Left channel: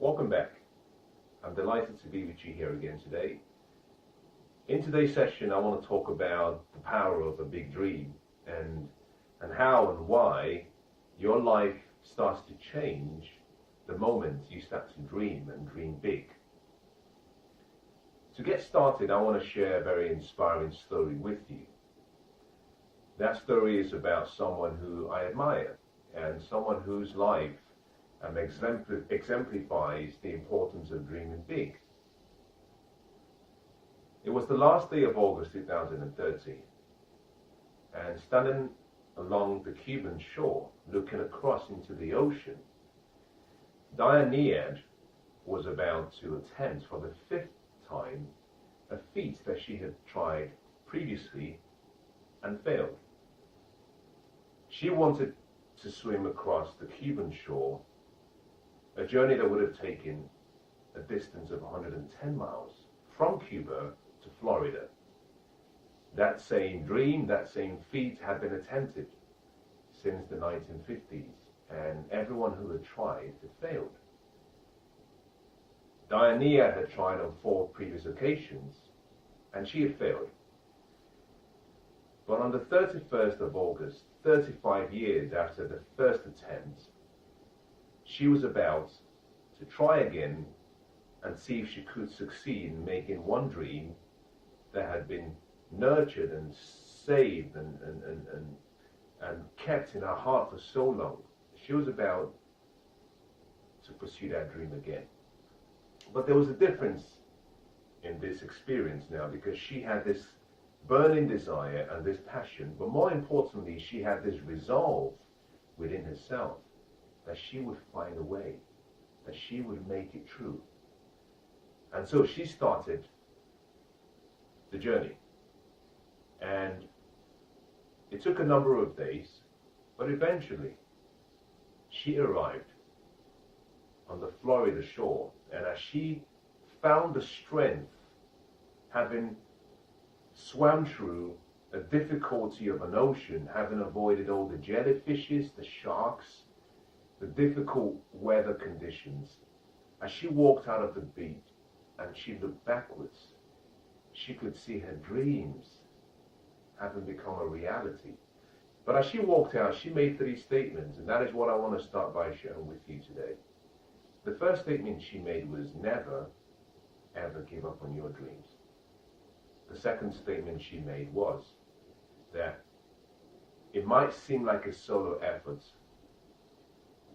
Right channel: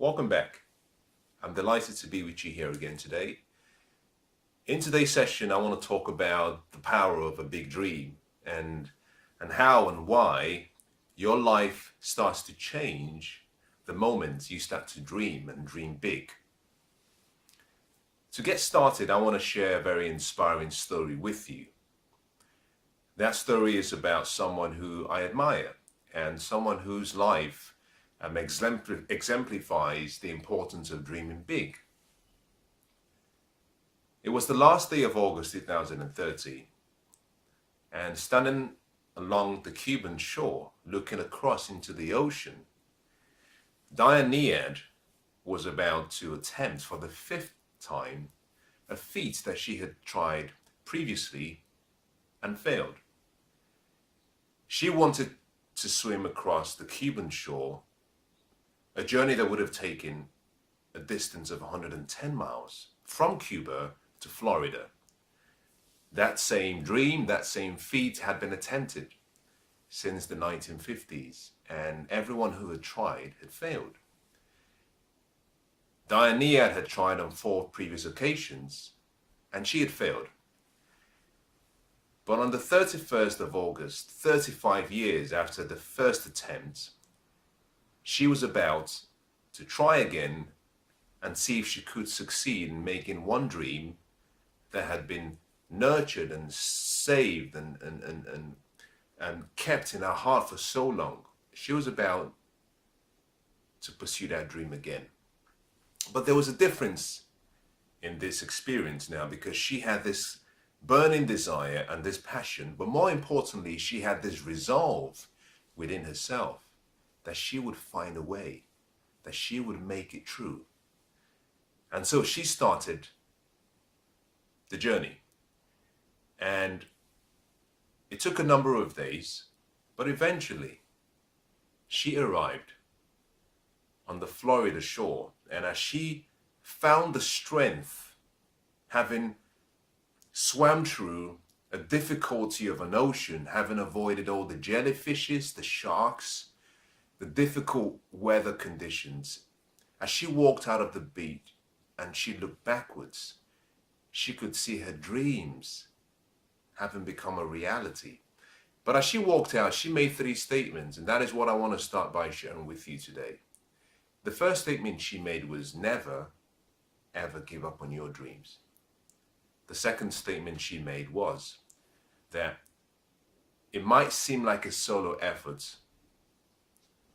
Welcome back. I'm delighted to be with you here again today. In today's session, I want to talk about the power of a big dream and how and why your life starts to change the moment you start to dream and dream big. To get started, I want to share a very inspiring story with you. That story is about someone who I admire and someone whose life exemplifies the importance of dreaming big. It was the last day of August 2030, and standing along the Cuban shore, looking across into the ocean, Diane was about to attempt for the fifth time a feat that she had tried previously and failed. She wanted to swim across the Cuban shore, a journey that would have taken a distance of 110 miles from Cuba to Florida. That same dream, that same feat had been attempted since the 1950s, and everyone who had tried had failed. Diane had tried on 4 previous occasions, and she had failed. But on the 31st of August, 35 years after the first attempt, she was about to try again and see if she could succeed in making one dream that had been nurtured and saved and kept in her heart for so long. She was about to pursue that dream again. But there was a difference in this experience now, because she had this burning desire and this passion, but more importantly, she had this resolve within herself that she would find a way, that she would make it true. And so she started the journey. And it took a number of days, but eventually she arrived on the Florida shore. And as she found the strength, having swam through a difficulty of an ocean, having avoided all the jellyfishes, the sharks, the difficult weather conditions, as she walked out of the beach and she looked backwards, she could see her dreams having become a reality. But as she walked out, she made 3 statements, and that is what I want to start by sharing with you today. The first statement she made was, never, ever give up on your dreams. The second statement she made was that it might seem like a solo effort,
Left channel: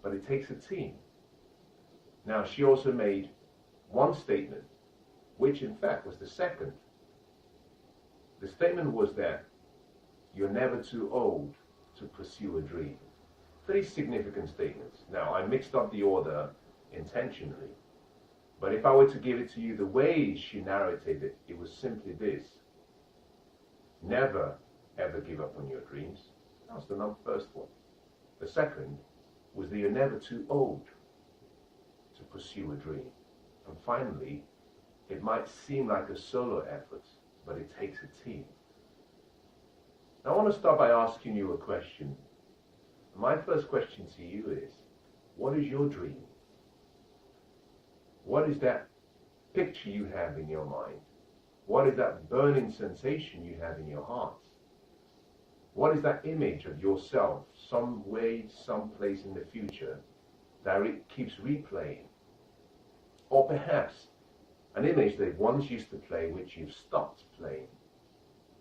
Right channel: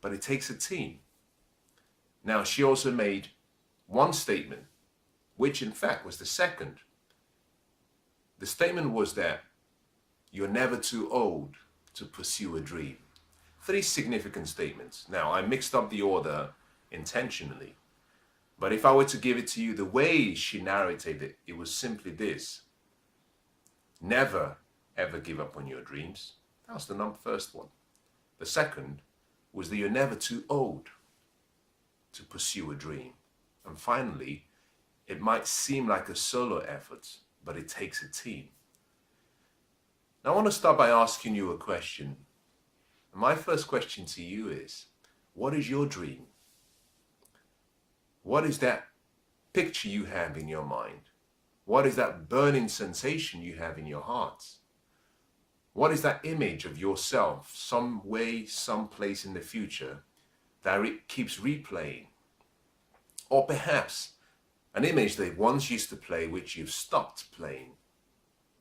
but it takes a team. Now, she also made one statement, which in fact was the second. The statement was that you're never too old to pursue a dream. 3 significant statements. Now, I mixed up the order intentionally, but if I were to give it to you the way she narrated it, it was simply this: never ever give up on your dreams. That was the first one. The second was that you're never too old to pursue a dream. And finally, it might seem like a solo effort, but it takes a team. Now, I want to start by asking you a question. My first question to you is, what is your dream? What is that picture you have in your mind? What is that burning sensation you have in your heart? What is that image of yourself, some way, someplace in the future, that it keeps replaying? Or perhaps an image that once used to play, which you've stopped playing.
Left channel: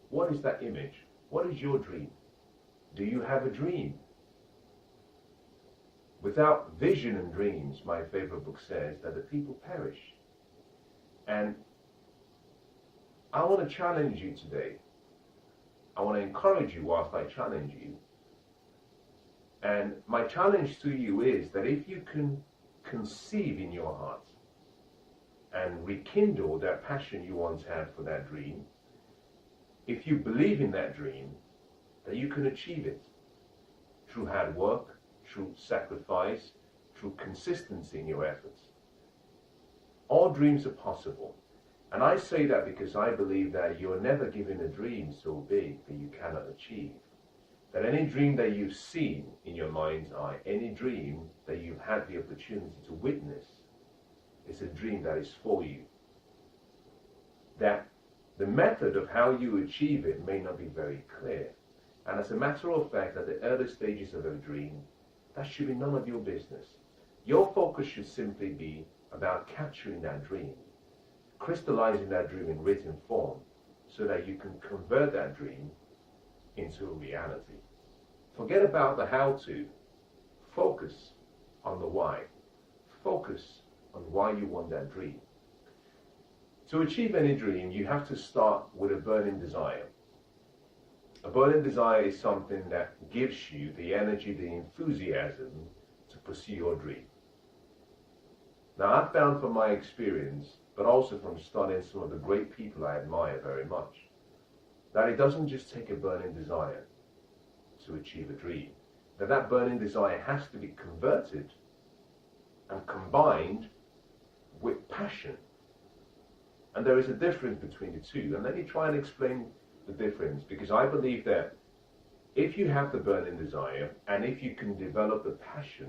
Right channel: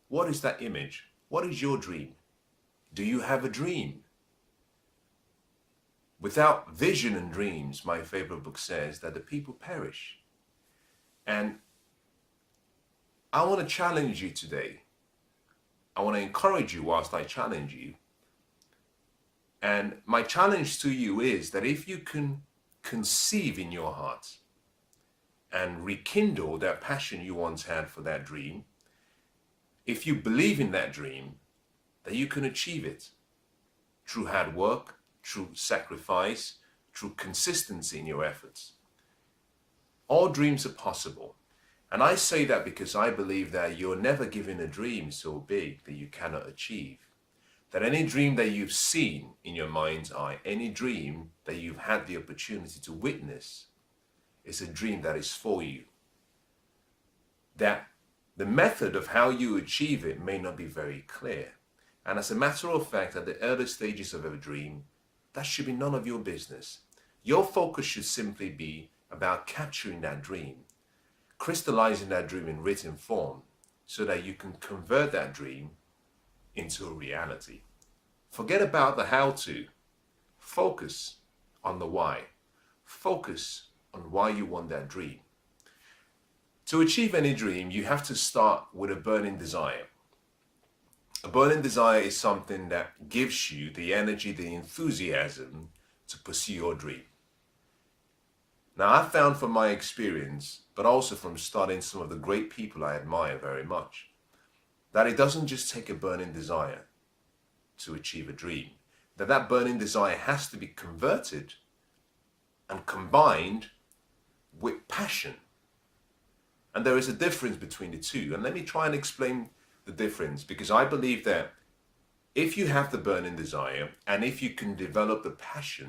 What is that image? What is your dream? Do you have a dream? Without vision and dreams, my favorite book says that the people perish. And I want to challenge you today. I want to encourage you whilst I challenge you. And my challenge to you is that if you can conceive in your heart and rekindle that passion you once had for that dream, if you believe in that dream, then you can achieve it through hard work, through sacrifice, through consistency in your efforts. All dreams are possible. And I say that because I believe that you're never given a dream so big that you cannot achieve. That any dream that you've seen in your mind's eye, any dream that you've had the opportunity to witness, It's a dream that is for you. That the method of how you achieve it may not be very clear. And as a matter of fact, at the early stages of a dream, that should be none of your business. Your focus should simply be about capturing that dream, crystallizing that dream in written form so that you can convert that dream into a reality. Forget about the how to. Focus on the why. Focus on why you want that dream. To achieve any dream, you have to start with a burning desire. A burning desire is something that gives you the energy, the enthusiasm to pursue your dream. Now, I've found from my experience, but also from studying some of the great people I admire very much, that it doesn't just take a burning desire to achieve a dream. That burning desire has to be converted and combined with passion. And there is a difference between the two. And let me try and explain the difference, because I believe that if you have the burning desire and if you can develop the passion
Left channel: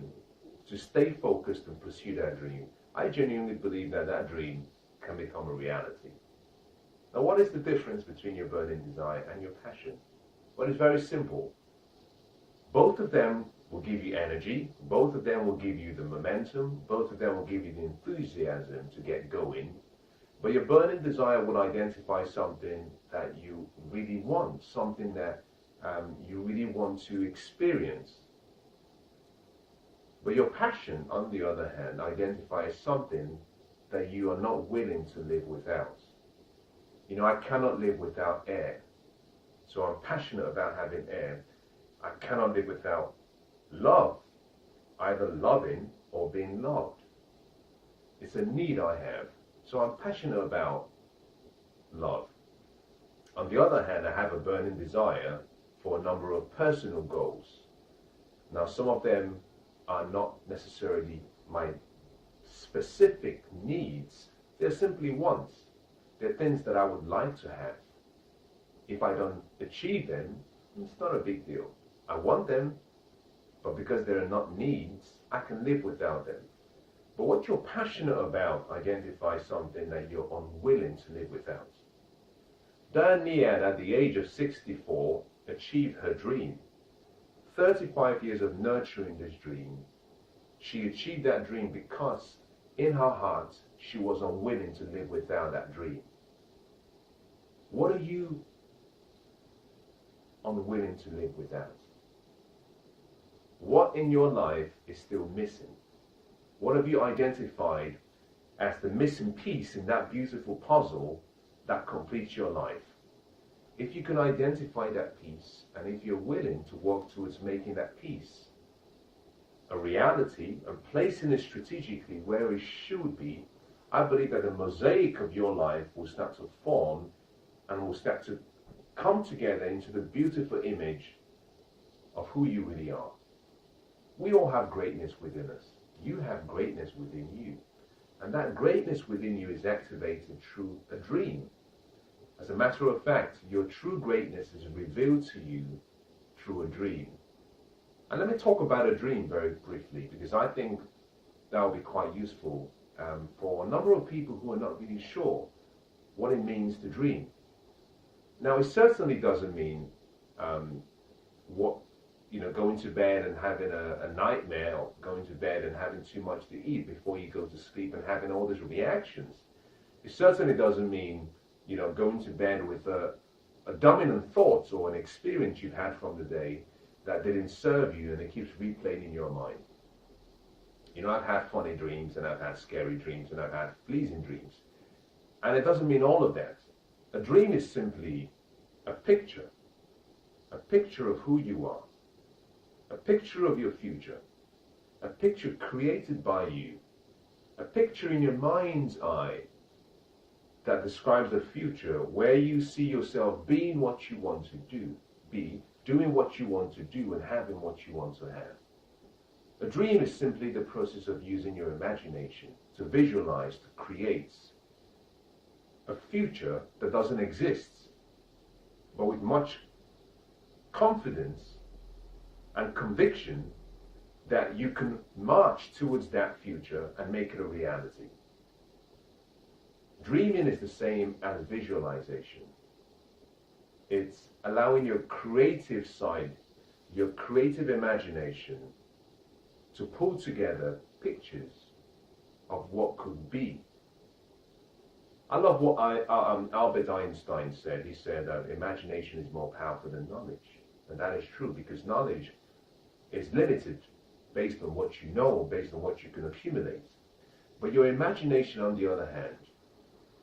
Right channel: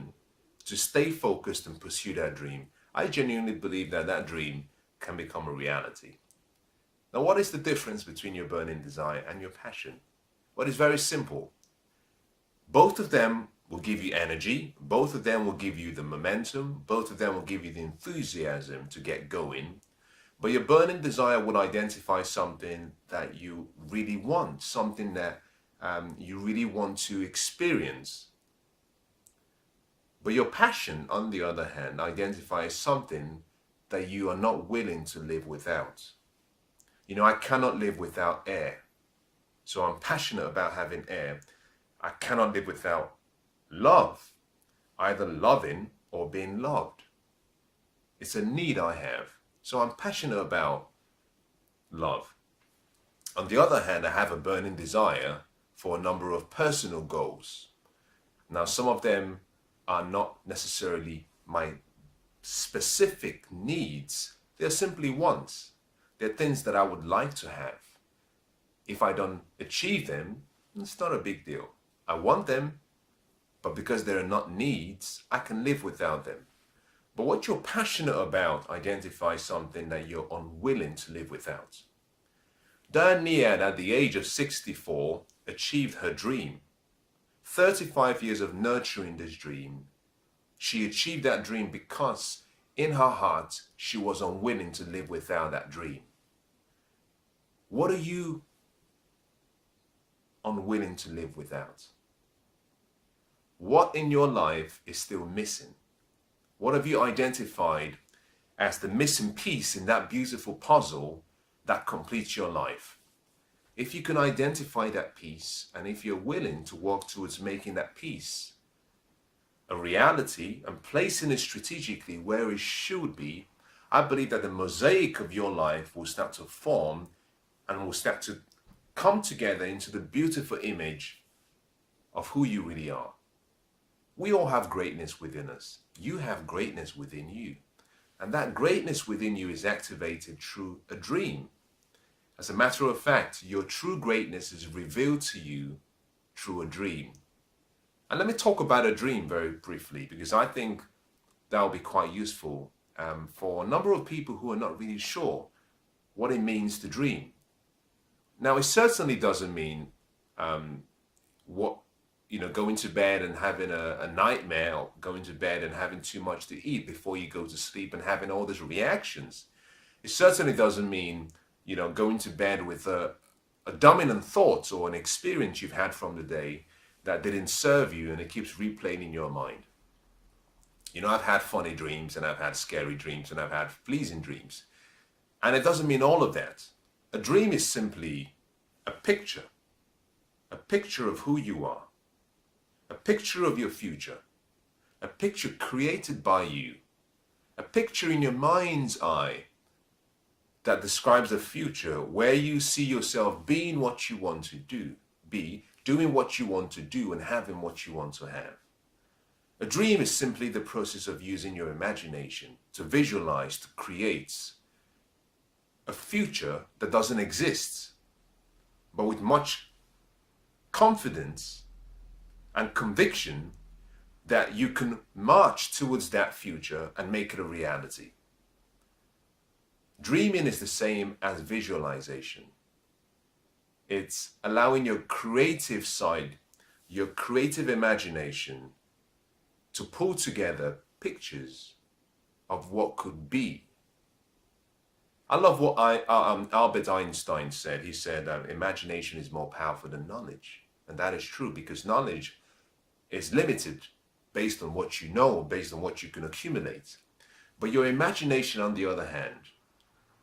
to stay focused and pursue that dream, I genuinely believe that that dream can become a reality. Now, what is the difference between your burning desire and your passion? Well, it's very simple. Both of them will give you energy, both of them will give you the momentum, both of them will give you the enthusiasm to get going. But your burning desire will identify something that you really want, something that you really want to experience. But your passion, on the other hand, identifies something that you are not willing to live without. You know, I cannot live without air. So I'm passionate about having air. I cannot live without love, either loving or being loved. It's a need I have. So I'm passionate about love. On the other hand, I have a burning desire for a number of personal goals. Now, some of them are not necessarily my specific needs. They're simply wants. They're things that I would like to have. If I don't achieve them, it's not a big deal. I want them, but because they're not needs, I can live without them. But what you're passionate about identifies something that you're unwilling to live without. Diane Nead, at the age of 64, achieved her dream. 35 years of nurturing this dream. She achieved that dream because in her heart, she was unwilling to live without that dream. What are you unwilling to live without? What in your life is still missing? What have you identified as the missing piece in that beautiful puzzle that completes your life? If you can identify that piece, and if you're willing to work towards making that piece a reality and placing it strategically where it should be, I believe that the mosaic of your life will start to form and will start to come together into the beautiful image of who you really are. We all have greatness within us. You have greatness within you. And that greatness within you is activated through a dream. As a matter of fact, your true greatness is revealed to you through a dream. And let me talk about a dream very briefly, because I think that will be quite useful for a number of people who are not really sure what it means to dream. Now, it certainly doesn't mean going to bed and having a nightmare, or going to bed and having too much to eat before you go to sleep and having all these reactions. It certainly doesn't mean, going to bed with a dominant thought or an experience you've had from the day that didn't serve you and it keeps replaying in your mind. I've had funny dreams and I've had scary dreams and I've had pleasing dreams. And it doesn't mean all of that. A dream is simply a picture of who you are, a picture of your future, a picture created by you, a picture in your mind's eye that describes a future where you see yourself being what you want to be, doing what you want to do, and having what you want to have. A dream is simply the process of using your imagination to visualize, to create a future that doesn't exist, but with much confidence and conviction that you can march towards that future and make it a reality. Dreaming is the same as visualization. It's allowing your creative side, your creative imagination to pull together pictures of what could be. I love what Albert Einstein said. He said, imagination is more powerful than knowledge. And that is true, because knowledge is limited based on what you know, or based on what you can accumulate. But your imagination, on the other hand,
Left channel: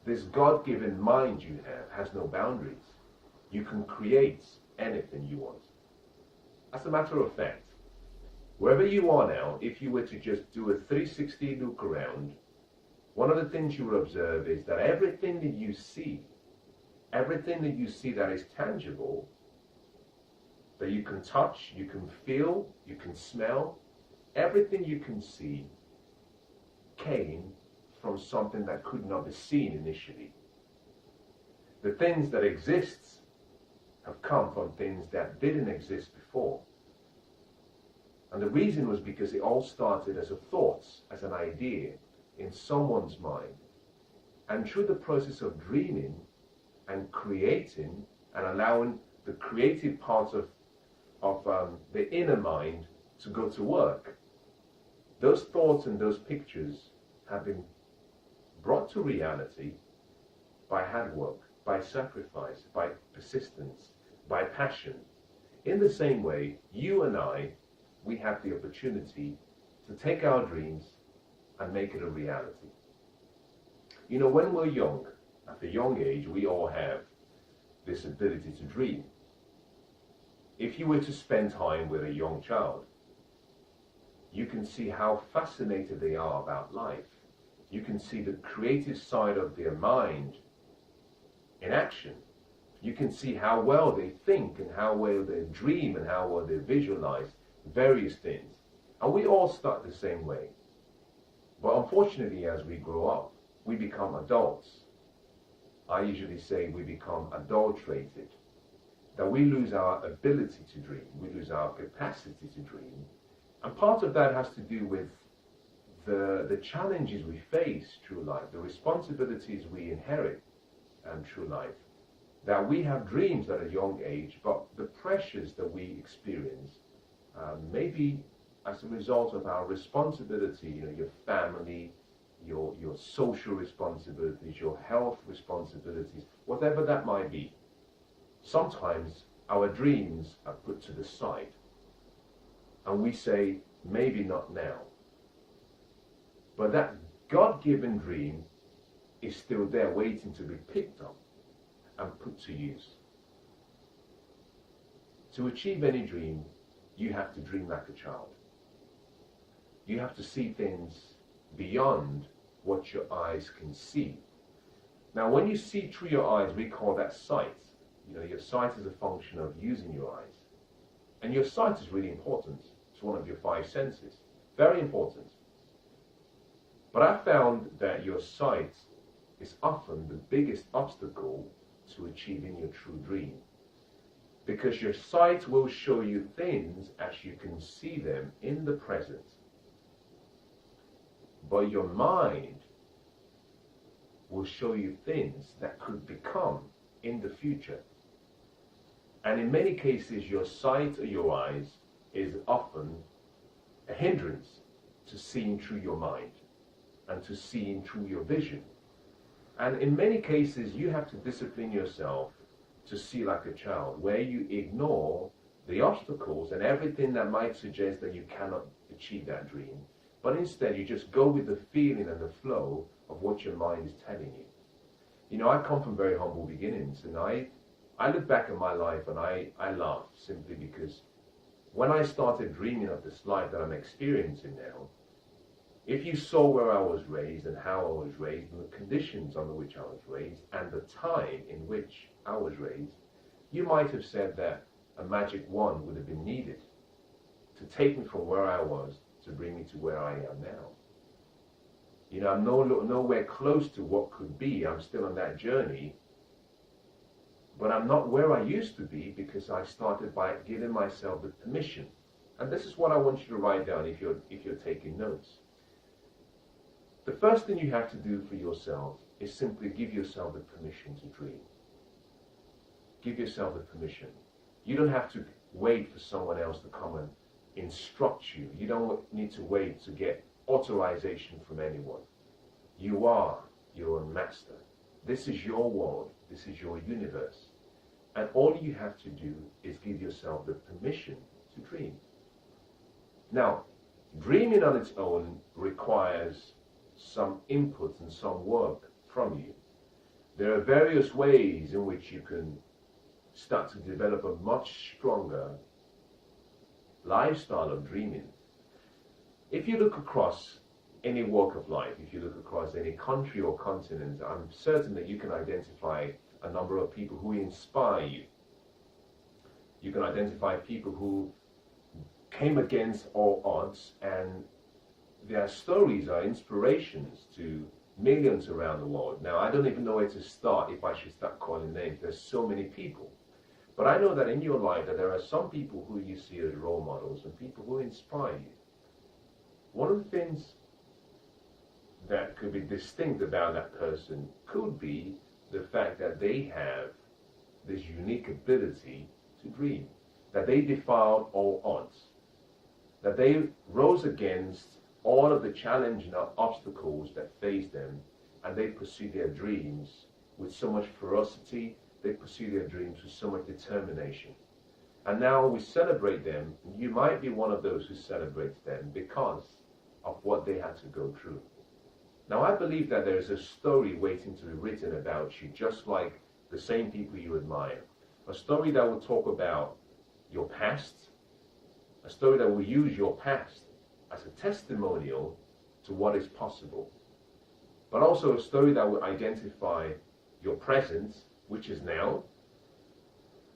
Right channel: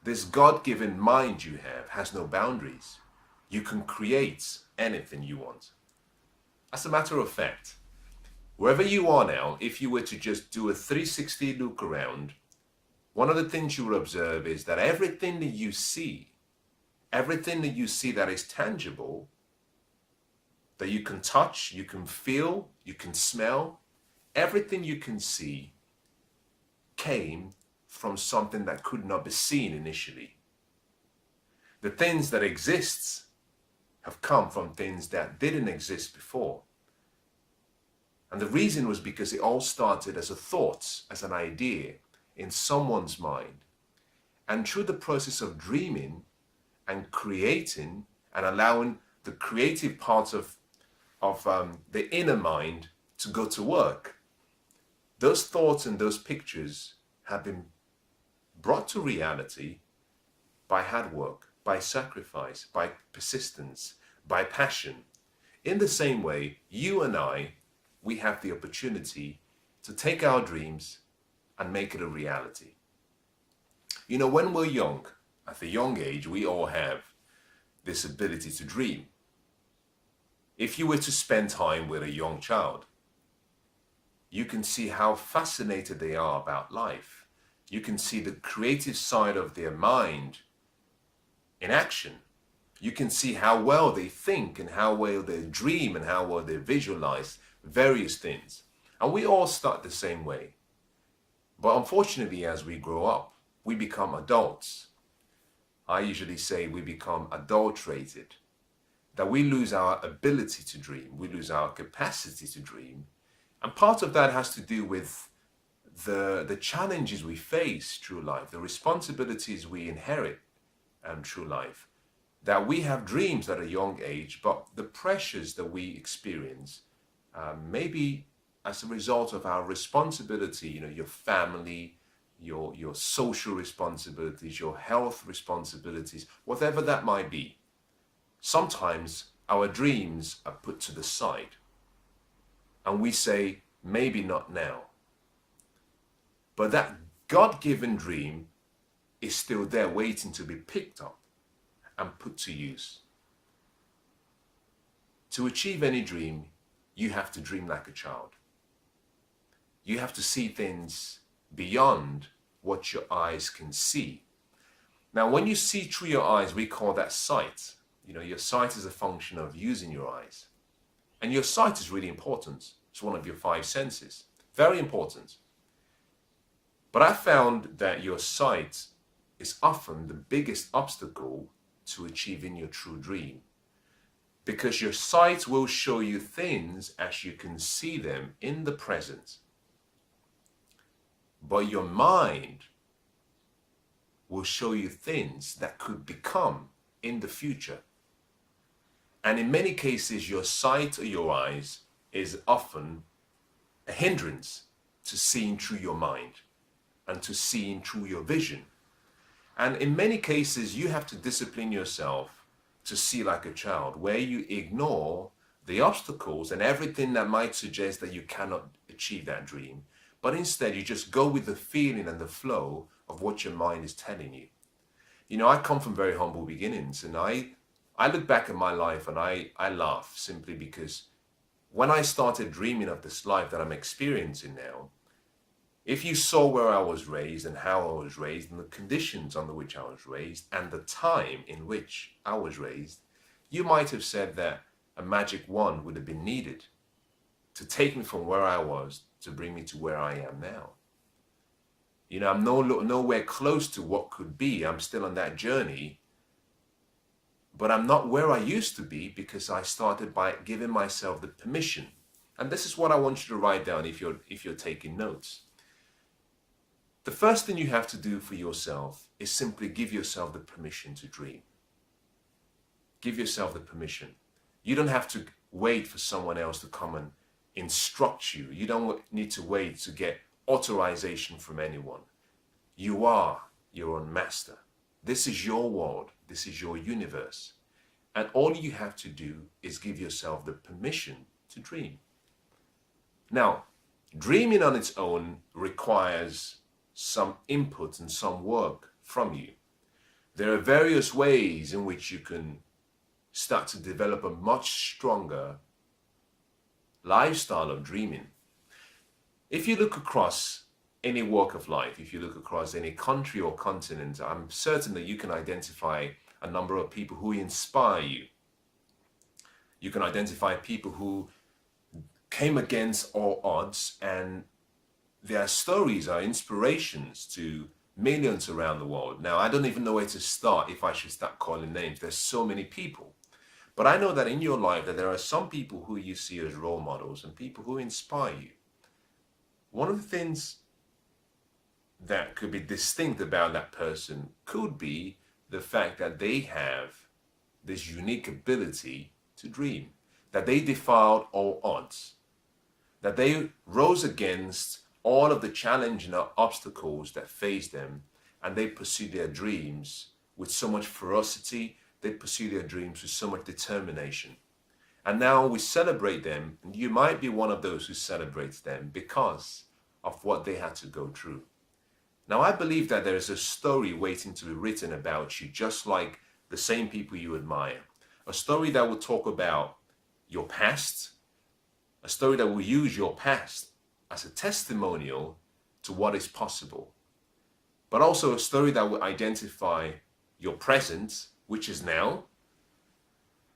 this God-given mind you have, has no boundaries. You can create anything you want. As a matter of fact, wherever you are now, if you were to just do a 360 look around, one of the things you will observe is that everything that you see that is tangible, that you can touch, you can feel, you can smell, everything you can see came from something that could not be seen initially. The things that exist have come from things that didn't exist before. And the reason was because it all started as a thought, as an idea in someone's mind. And through the process of dreaming and creating and allowing the creative part of the inner mind to go to work, those thoughts and those pictures have been brought to reality by hard work, by sacrifice, by persistence, by passion. In the same way, you and I, we have the opportunity to take our dreams and make it a reality. You know, when we're young, at a young age, we all have this ability to dream. If you were to spend time with a young child, you can see how fascinated they are about life. You can see the creative side of their mind in action. You can see how well they think and how well they dream and how well they visualize various things. And we all start the same way. But unfortunately, as we grow up, we become adults. I usually say we become adulterated, that we lose our ability to dream, we lose our capacity to dream. And part of that has to do with the challenges we face through life, the responsibilities we inherit through life, that we have dreams at a young age, but the pressures that we experience, maybe as a result of our responsibility, you know, your family, your social responsibilities, your health responsibilities, whatever that might be. Sometimes our dreams are put to the side and we say, maybe not now. But that God-given dream is still there waiting to be picked up and put to use. To achieve any dream, you have to dream like a child. You have to see things beyond what your eyes can see. Now, when you see through your eyes, we call that sight. You know, your sight is a function of using your eyes. And your sight is really important. It's one of your 5 senses. Very important. But I found that your sight is often the biggest obstacle to achieving your true dream. Because your sight will show you things as you can see them in the present. But your mind will show you things that could become in the future. And in many cases, your sight or your eyes is often a hindrance to seeing through your mind and to seeing through your vision. And in many cases, you have to discipline yourself to see like a child, where you ignore the obstacles and everything that might suggest that you cannot achieve that dream. But instead, you just go with the feeling and the flow of what your mind is telling you. You know, I come from very humble beginnings, and I look back at my life and I laugh, simply because when I started dreaming of this life that I'm experiencing now, if you saw where I was raised and how I was raised and the conditions under which I was raised and the time in which I was raised, you might have said that a magic wand would have been needed to take me from where I was to bring me to where I am now. You know, I'm nowhere close to what could be. I'm still on that journey, but I'm not where I used to be because I started by giving myself the permission. And this is what I want you to write down if you're taking notes. The first thing you have to do for yourself is simply give yourself the permission to dream. Give yourself the permission. You don't have to wait for someone else to come and instruct you. You don't need to wait to get authorization from anyone. You are your own master. This is your world. This is your universe. And all you have to do is give yourself the permission to dream. Now, dreaming on its own requires some input and some work from you. There are various ways in which you can start to develop a much stronger lifestyle of dreaming. If you look across any walk of life, if you look across any country or continent, I'm certain that you can identify a number of people who inspire you. You can identify people who came against all odds, and their stories are inspirations to millions around the world. Now, I don't even know where to start if I should start calling names. There's so many people. But I know that in your life that there are some people who you see as role models and people who inspire you. One of the things that could be distinct about that person could be the fact that they have this unique ability to dream, that they defied all odds, that they rose against all of the challenge and obstacles that faced them, and they pursued their dreams with so much ferocity. They pursue their dreams with so much determination. And now we celebrate them, and you might be one of those who celebrates them because of what they had to go through. Now, I believe that there is a story waiting to be written about you, just like the same people you admire. A story that will talk about your past, a story that will use your past as a testimonial to what is possible, but also a story that will identify your present, which is now,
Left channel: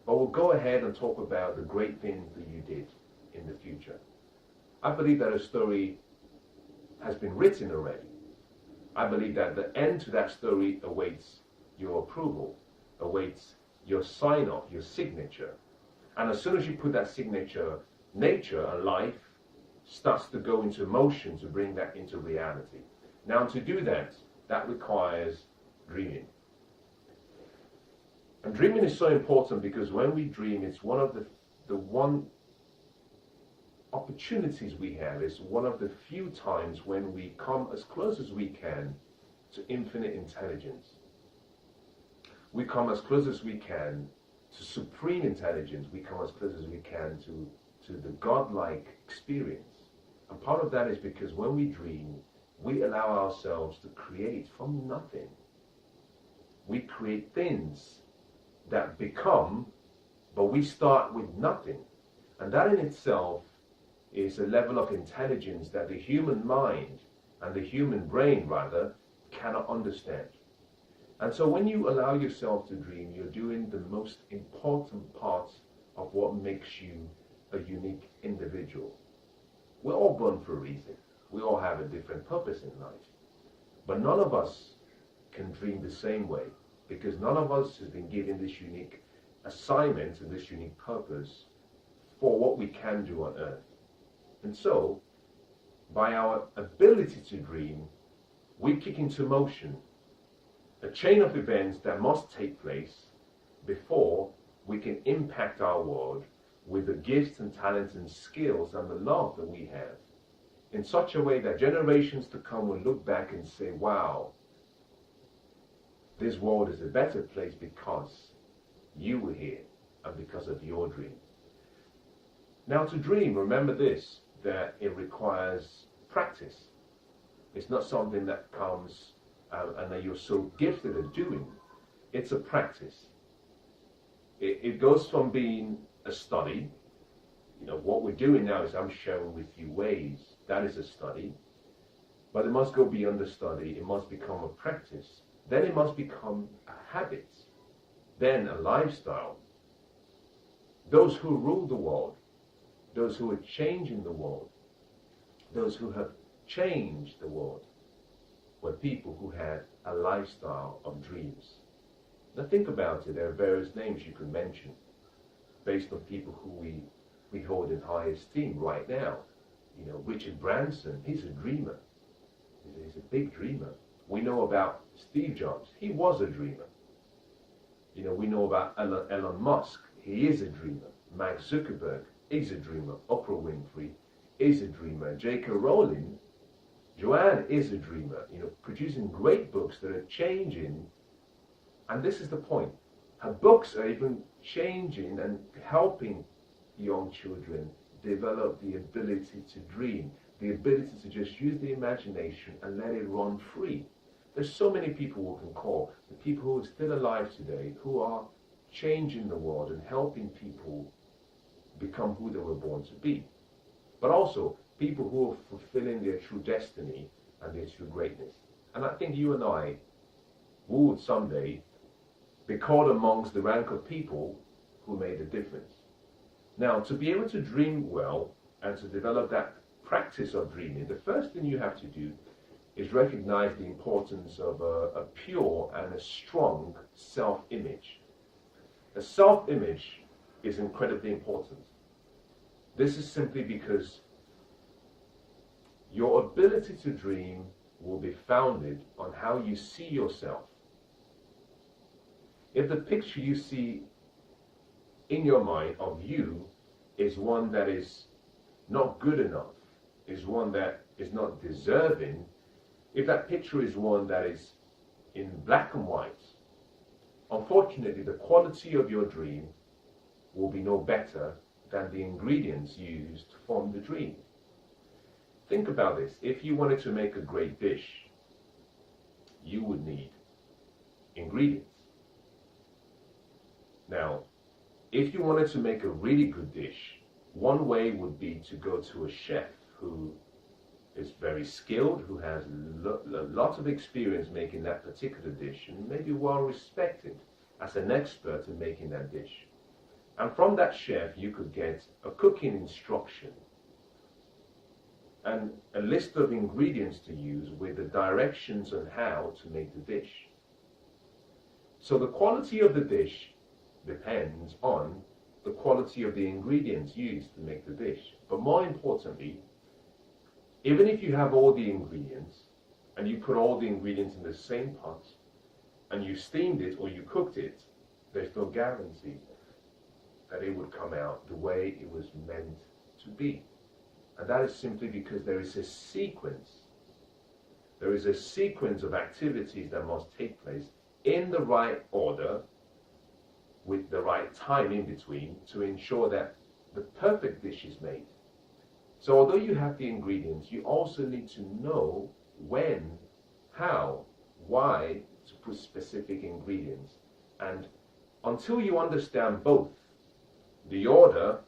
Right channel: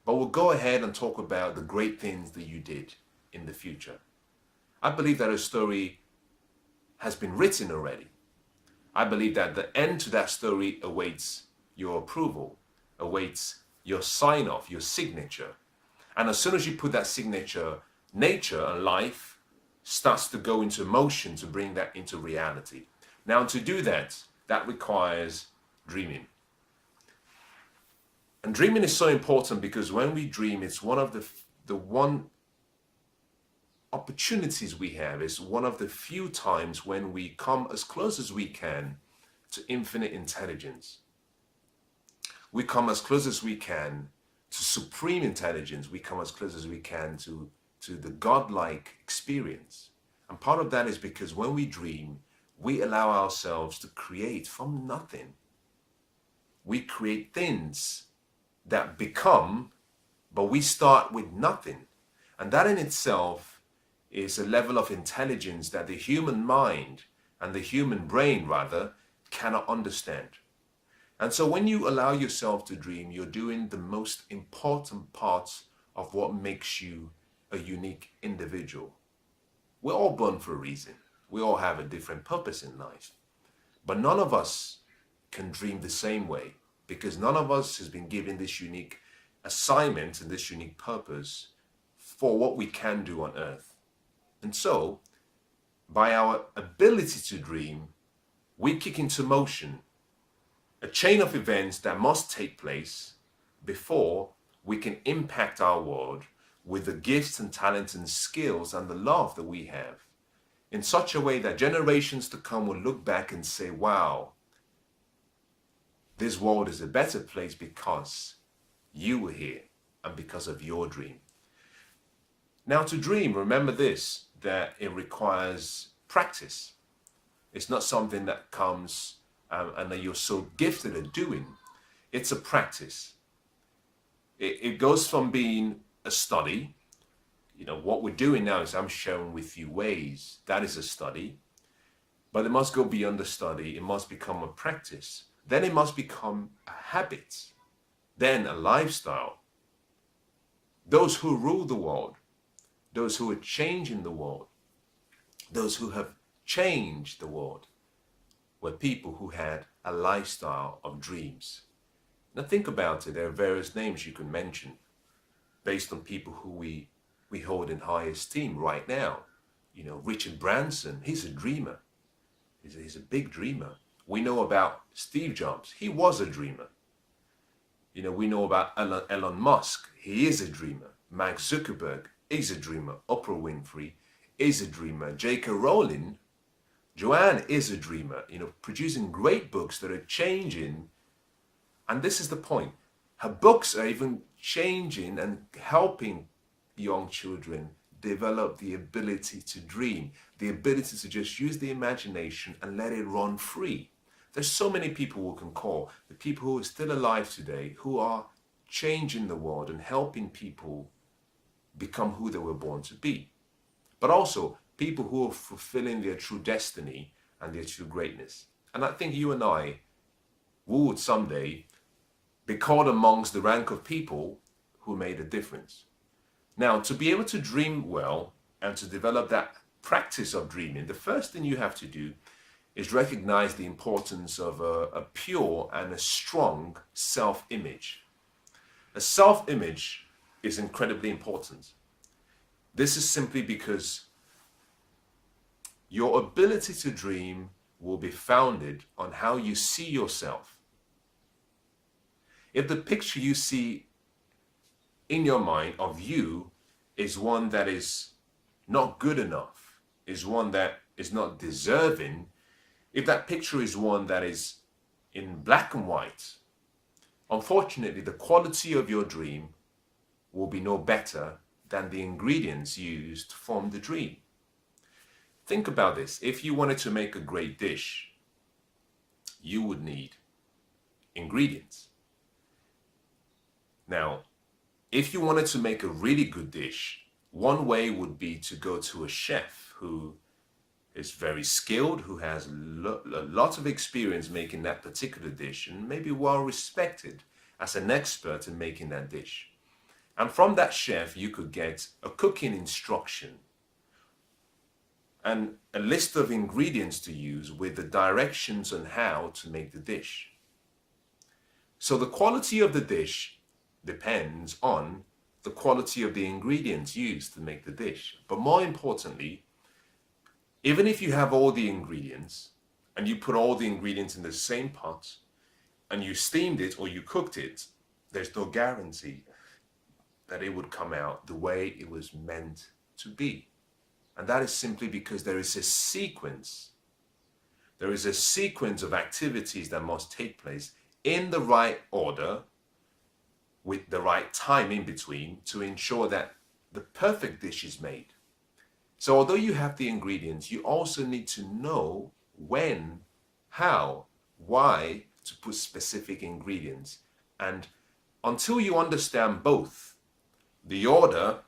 but we'll go ahead and talk about the great things that you did in the future. I believe that a story has been written already. I believe that the end to that story awaits your approval, awaits your sign off, your signature. And as soon as you put that signature, nature and life starts to go into motion to bring that into reality. Now, to do that, that requires dreaming. And dreaming is so important because when we dream, it's one of the one opportunities we have. It's one of the few times when we come as close as we can to infinite intelligence. We come as close as we can to supreme intelligence. We come as close as we can to the godlike experience. And part of that is because when we dream, we allow ourselves to create from nothing. We create things that become, but we start with nothing. And that in itself is a level of intelligence that the human mind and the human brain rather cannot understand. And so when you allow yourself to dream, you're doing the most important parts of what makes you a unique individual. We're all born for a reason. We all have a different purpose in life. But none of us can dream the same way, because none of us has been given this unique assignment and this unique purpose for what we can do on earth. And so, by our ability to dream, we kick into motion a chain of events that must take place before we can impact our world with the gifts and talents and skills and the love that we have, in such a way that generations to come will look back and say, wow, this world is a better place because you were here and because of your dream. Now, to dream, remember this, that it requires practice. It's not something that comes and that you're so gifted at doing. It's a practice. It goes from being a study. You know, what we're doing now is I'm sharing with you ways. That is a study. But it must go beyond the study. It must become a practice. Then it must become a habit. Then a lifestyle. Those who rule the world, those who are changing the world, those who have changed the world, were people who had a lifestyle of dreams. Now think about it. There are various names you can mention based on people who we hold in high esteem right now. You know, Richard Branson, he's a dreamer. He's a big dreamer. We know about Steve Jobs. He was a dreamer. We know about Elon Musk. He is a dreamer. Mark Zuckerberg is a dreamer. Oprah Winfrey is a dreamer. J.K. Rowling, Joanne is a dreamer, producing great books that are changing. And this is the point. Her books are even changing and helping young children develop the ability to dream, the ability to just use the imagination and let it run free. There's so many people we can call, the people who are still alive today, who are changing the world and helping people become who they were born to be. But also people who are fulfilling their true destiny and their true greatness. And I think you and I would someday be called amongst the rank of people who made a difference. Now, to be able to dream well and to develop that practice of dreaming, the first thing you have to do is recognize the importance of a pure and a strong self-image. A self-image is incredibly important. This is simply because your ability to dream will be founded on how you see yourself. If the picture you see in your mind of you is one that is not good enough, is one that is not deserving, if that picture is one that is in black and white, unfortunately, the quality of your dream will be no better than the ingredients used to form the dream. Think about this. If you wanted to make a great dish, you would need ingredients. Now, if you wanted to make a really good dish, one way would be to go to a chef who is very skilled, who has a lot of experience making that particular dish, and maybe well respected as an expert in making that dish. And from that chef, you could get a cooking instruction and a list of ingredients to use with the directions on how to make the dish. So the quality of the dish depends on the quality of the ingredients used to make the dish. But more importantly, even if you have all the ingredients and you put all the ingredients in the same pot and you steamed it or you cooked it, there's no guarantee that it would come out the way it was meant to be. And that is simply because there is a sequence. There is a sequence of activities that must take place in the right order with the right time in between to ensure that the perfect dish is made. So although you have the ingredients, you also need to know when, how, why to put specific ingredients. And until you understand both the order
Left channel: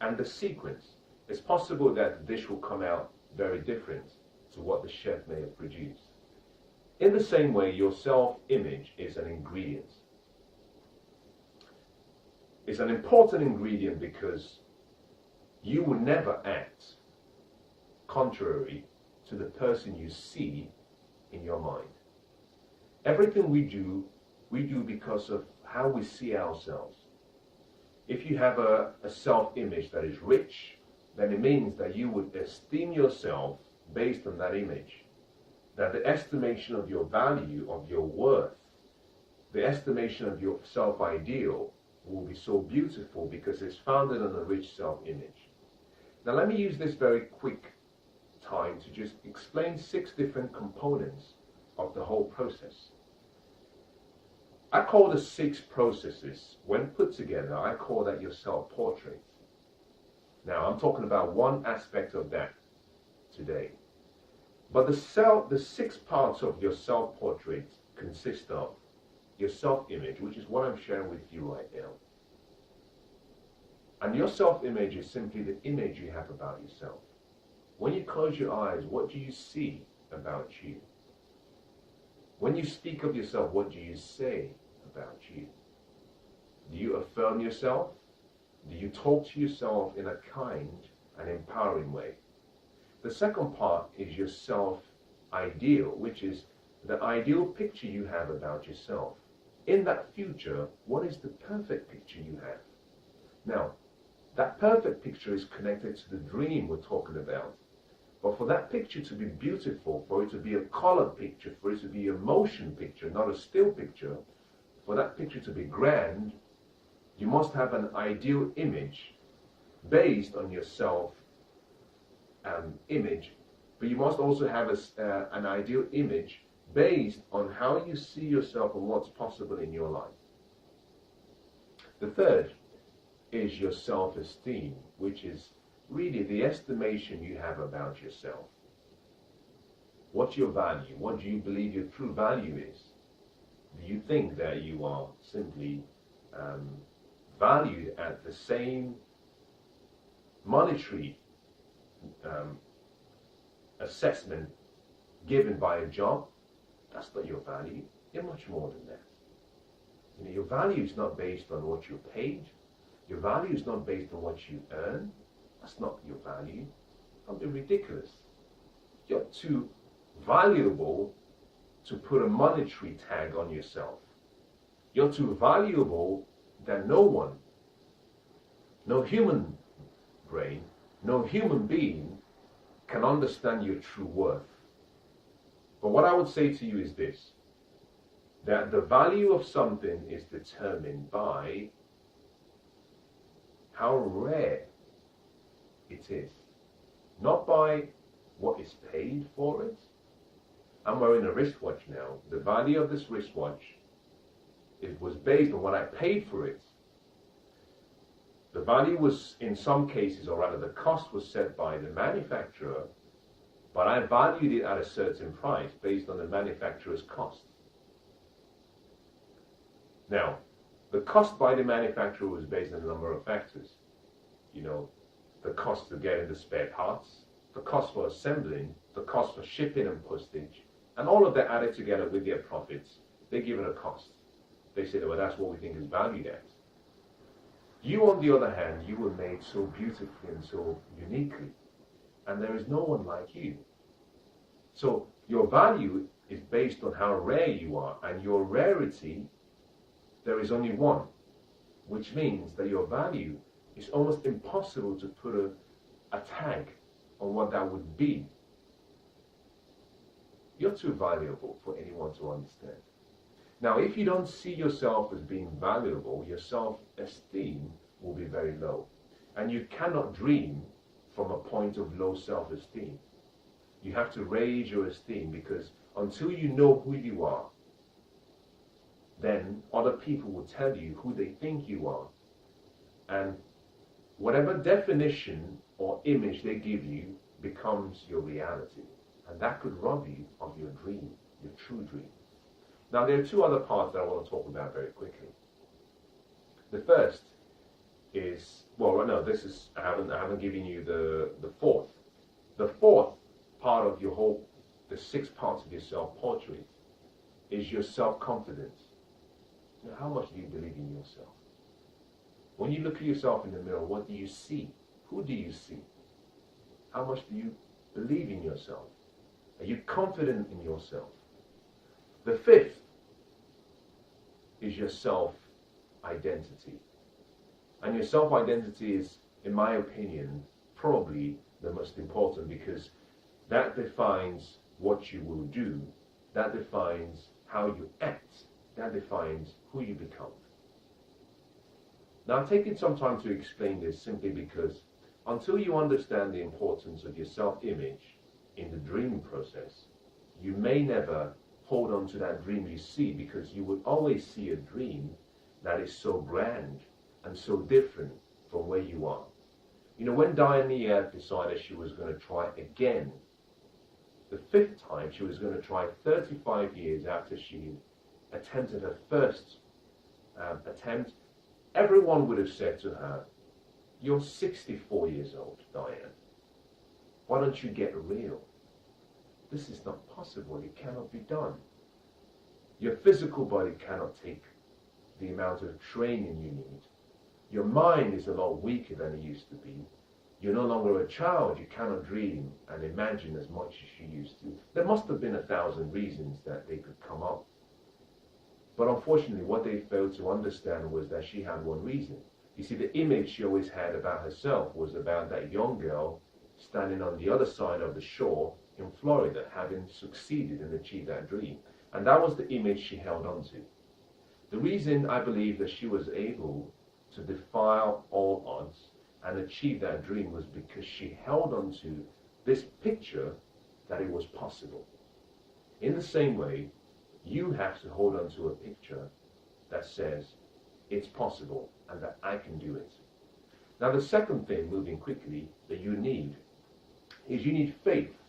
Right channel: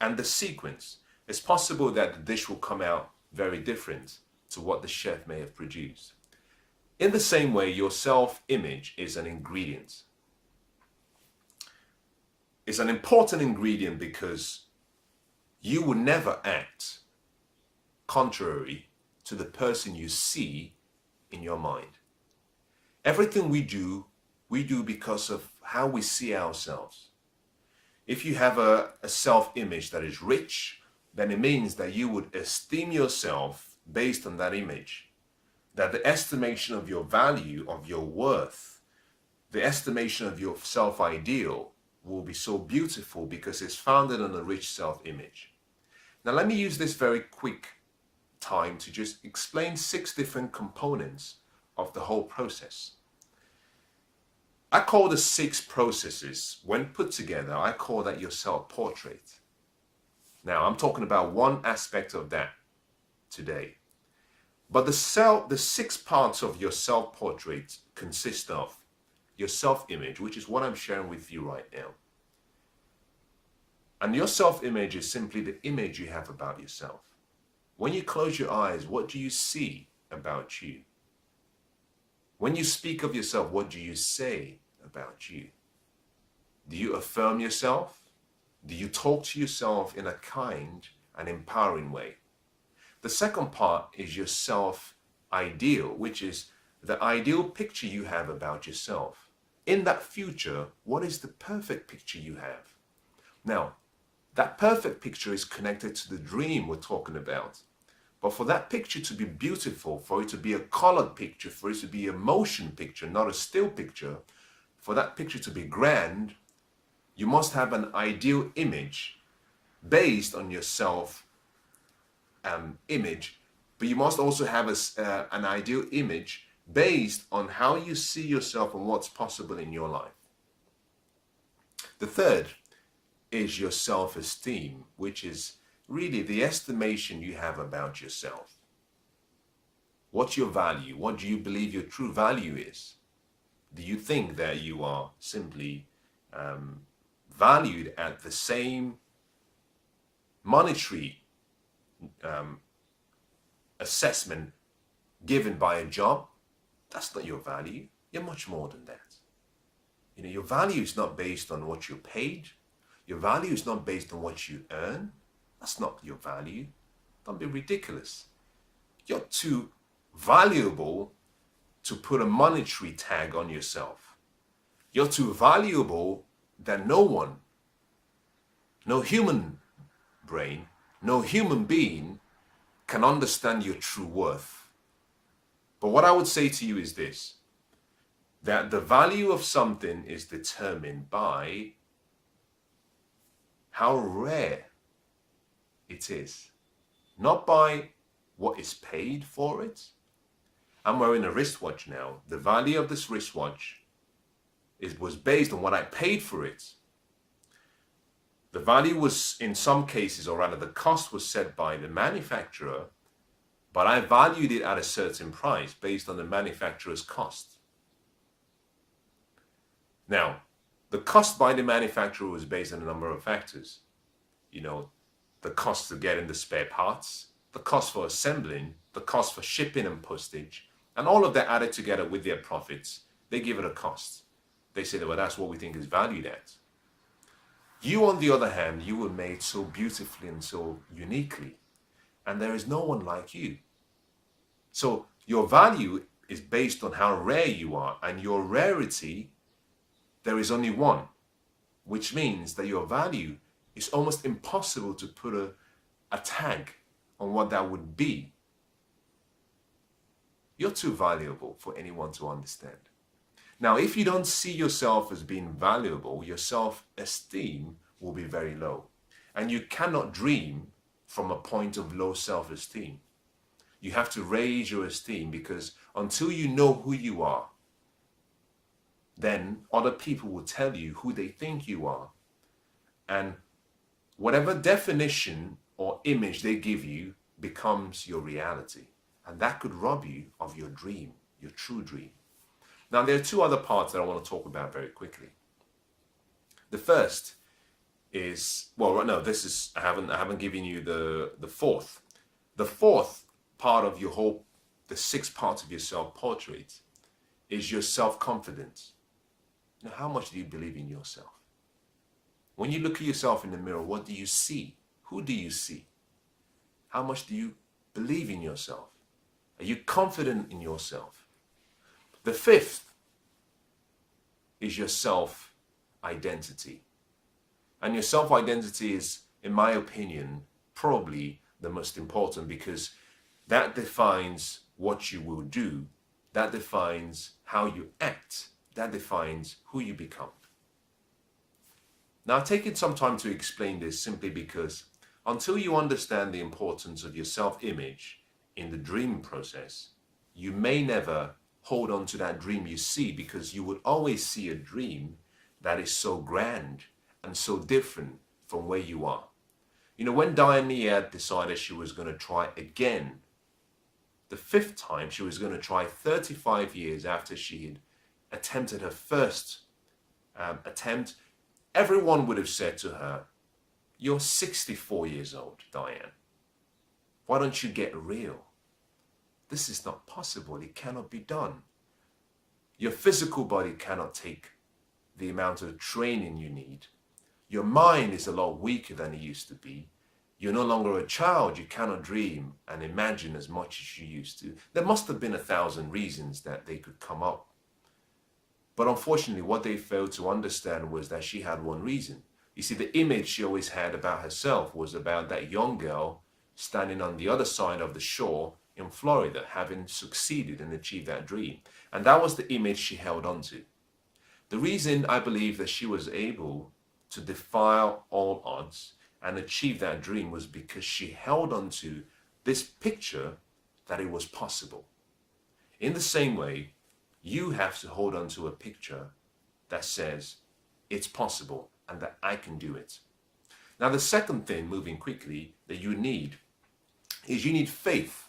and the sequence, it's possible that the dish will come out very different to what the chef may have produced. In the same way, your self-image is an ingredient. It's an important ingredient because you will never act contrary to the person you see in your mind. Everything we do because of how we see ourselves. If you have a self-image that is rich, then it means that you would esteem yourself based on that image. That the estimation of your value, of your worth, the estimation of your self-ideal will be so beautiful because it's founded on a rich self-image. Now let me use this very quick time to just explain 6 different components of the whole process. I call the 6 processes, when put together, I call that your self-portrait. Now I'm talking about one aspect of that today. But the 6 parts of your self-portrait consist of your self-image, which is what I'm sharing with you right now. And your self-image is simply the image you have about yourself. When you close your eyes, what do you see about you? When you speak of yourself, what do you say about you? Do you affirm yourself? Do you talk to yourself in a kind and empowering way? The second part is your self-ideal, which is the ideal picture you have about yourself. In that future, what is the perfect picture you have? Now, that perfect picture is connected to the dream we're talking about. But for that picture to be beautiful, for it to be a colored picture, for it to be a motion picture, not a still picture, for that picture to be grand, you must have an ideal image based on your self image, but you must also have an ideal image based on how you see yourself and what's possible in your life. The third is your self-esteem, which is really the estimation you have about yourself. What's your value? What do you believe your true value is? Do you think that you are simply valued at the same monetary assessment given by a job? That's not your value. You're much more than that. You know, your value is not based on what you're paid. Your value is not based on what you earn. That's not your value. Don't be ridiculous. You're too valuable to put a monetary tag on yourself. You're too valuable that no one, no human brain, no human being can understand your true worth. But what I would say to you is this, that the value of something is determined by how rare it is, not by what is paid for it. I'm wearing a wristwatch now. The value of this wristwatch was based on what I paid for it. The value was, in some cases, or rather the cost was set by the manufacturer, but I valued it at a certain price based on the manufacturer's cost. Now, the cost by the manufacturer was based on a number of factors. You know, the cost of getting the spare parts, the cost for assembling, the cost for shipping and postage, and all of that added together with their profits, they give it a cost. They say, well, that's what we think is valued at. You, on the other hand, you were made so beautifully and so uniquely, and there is no one like you. So your value is based on how rare you are, and your rarity, there is only one, which means that your value is almost impossible to put a tag on what that would be. You're too valuable for anyone to understand. Now, if you don't see yourself as being valuable, your self-esteem will be very low. And you cannot dream from a point of low self-esteem. You have to raise your esteem, because until you know who you are, then other people will tell you who they think you are. And whatever definition or image they give you becomes your reality. And that could rob you of your dream, your true dream. Now, there are two other parts that I want to talk about very quickly. The first is, well, no, this is, I haven't given you the fourth. The fourth part of your whole, the sixth part of your self-portrait is your self-confidence. Now, how much do you believe in yourself? When you look at yourself in the mirror, what do you see? Who do you see? How much do you believe in yourself? Are you confident in yourself? The fifth is your self-identity. And your self-identity is, in my opinion, probably the most important, because that defines what you will do, that defines how you act, that defines who you become. Now, I've taken some time to explain this simply because until you understand the importance of your self-image in the dream process, you may never hold on to that dream you see, because you will always see a dream that is so grand and so different from where you are. You know, when Diane decided she was going to try again, the fifth time, she was going to try 35 years after she had attempted her first attempt, everyone would have said to her, "You're 64 years old, Diane. Why don't you get real? This is not possible. It cannot be done. Your physical body cannot take the amount of training you need. Your mind is a lot weaker than it used to be. You're no longer a child. You cannot dream and imagine as much as you used to." There must have been 1,000 reasons that they could come up. But unfortunately, what they failed to understand was that she had one reason. You see, the image she always had about herself was about that young girl, standing on the other side of the shore in Florida, having succeeded and achieved that dream. And that was the image she held on to. The reason I believe that she was able to defy all odds and achieve that dream was because she held on to this picture that it was possible. In the same way, you have to hold on to a picture that says it's possible and that I can do it. Now, the second thing, moving quickly, that you need is you need faith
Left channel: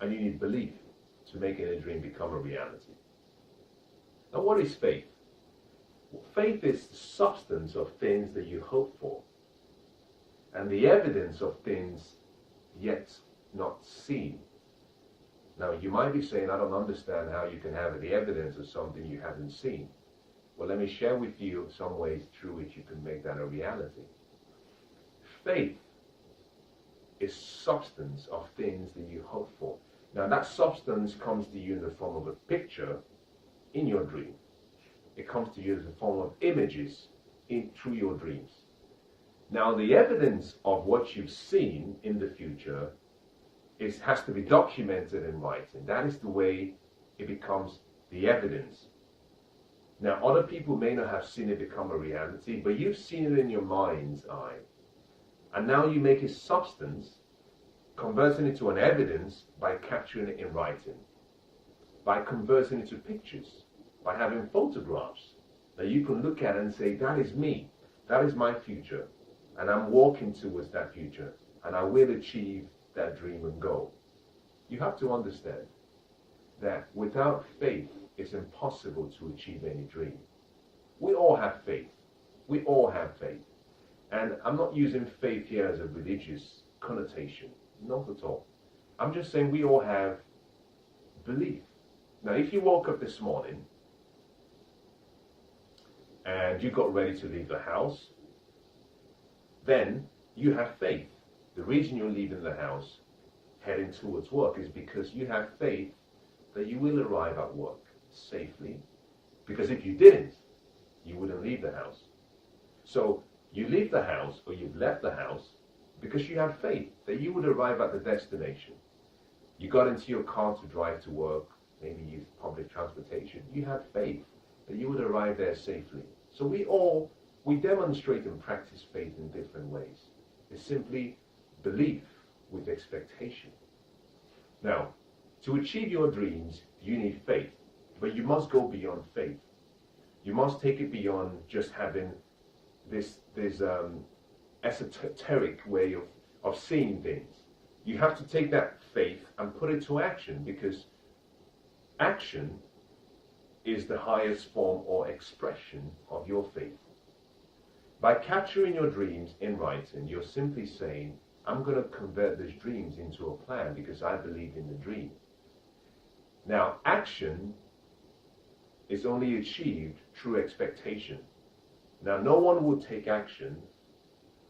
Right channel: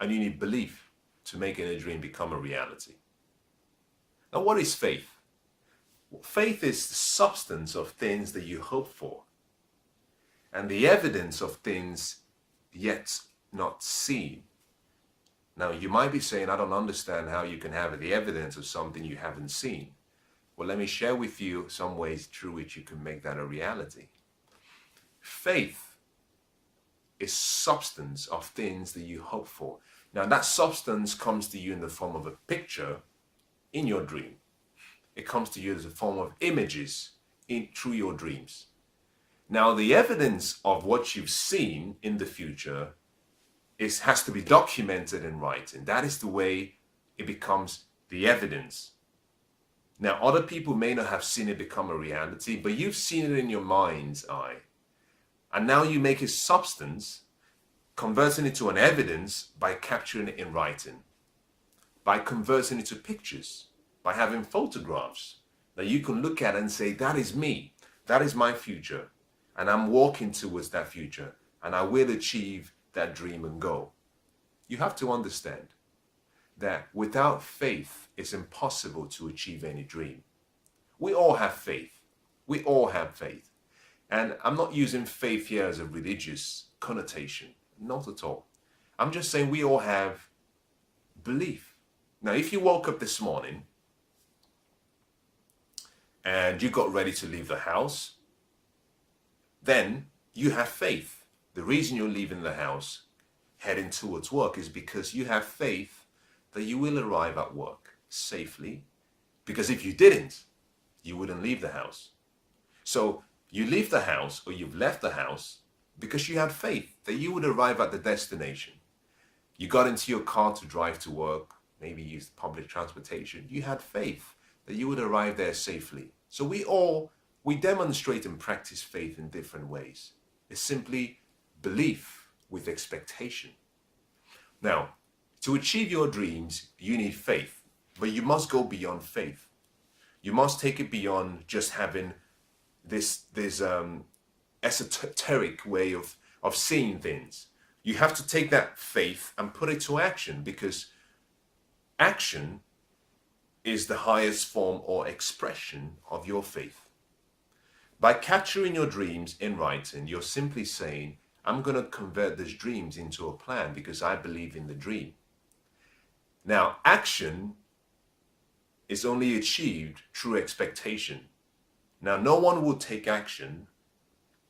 and you need belief to making a dream become a reality. Now, what is faith? Faith is the substance of things that you hope for and the evidence of things yet not seen. Now, you might be saying, I don't understand how you can have the evidence of something you haven't seen. Well, let me share with you some ways through which you can make that a reality. Faith is substance of things that you hope for. Now, that substance comes to you in the form of a picture in your dream. It comes to you as a form of images through your dreams. Now, the evidence of what you've seen in the future has to be documented in writing. That is the way it becomes the evidence. Now, other people may not have seen it become a reality, but you've seen it in your mind's eye. And now you make it substance, converting it to an evidence by capturing it in writing, by converting it to pictures, by having photographs that you can look at and say, that is me, that is my future, and I'm walking towards that future, and I will achieve that dream and goal. You have to understand that without faith, it's impossible to achieve any dream. We all have faith. We all have faith. And I'm not using faith here as a religious connotation, not at all. I'm just saying we all have belief. Now, if you woke up this morning and you got ready to leave the house, then you have faith. The reason you're leaving the house, heading towards work, is because you have faith that you will arrive at work safely. Because if you didn't, you wouldn't leave the house. So you leave the house, or you've left the house, because you had faith that you would arrive at the destination. You got into your car to drive to work, maybe use public transportation. You had faith that you would arrive there safely. So we demonstrate and practice faith in different ways. It's simply belief with expectation. Now, to achieve your dreams, you need faith, but you must go beyond faith. You must take it beyond just having this esoteric way of seeing things. You have to take that faith and put it to action, because action is the highest form or expression of your faith. By capturing your dreams in writing, you're simply saying, I'm going to convert these dreams into a plan because I believe in the dream. Now, action is only achieved through expectation. Now, no one will take action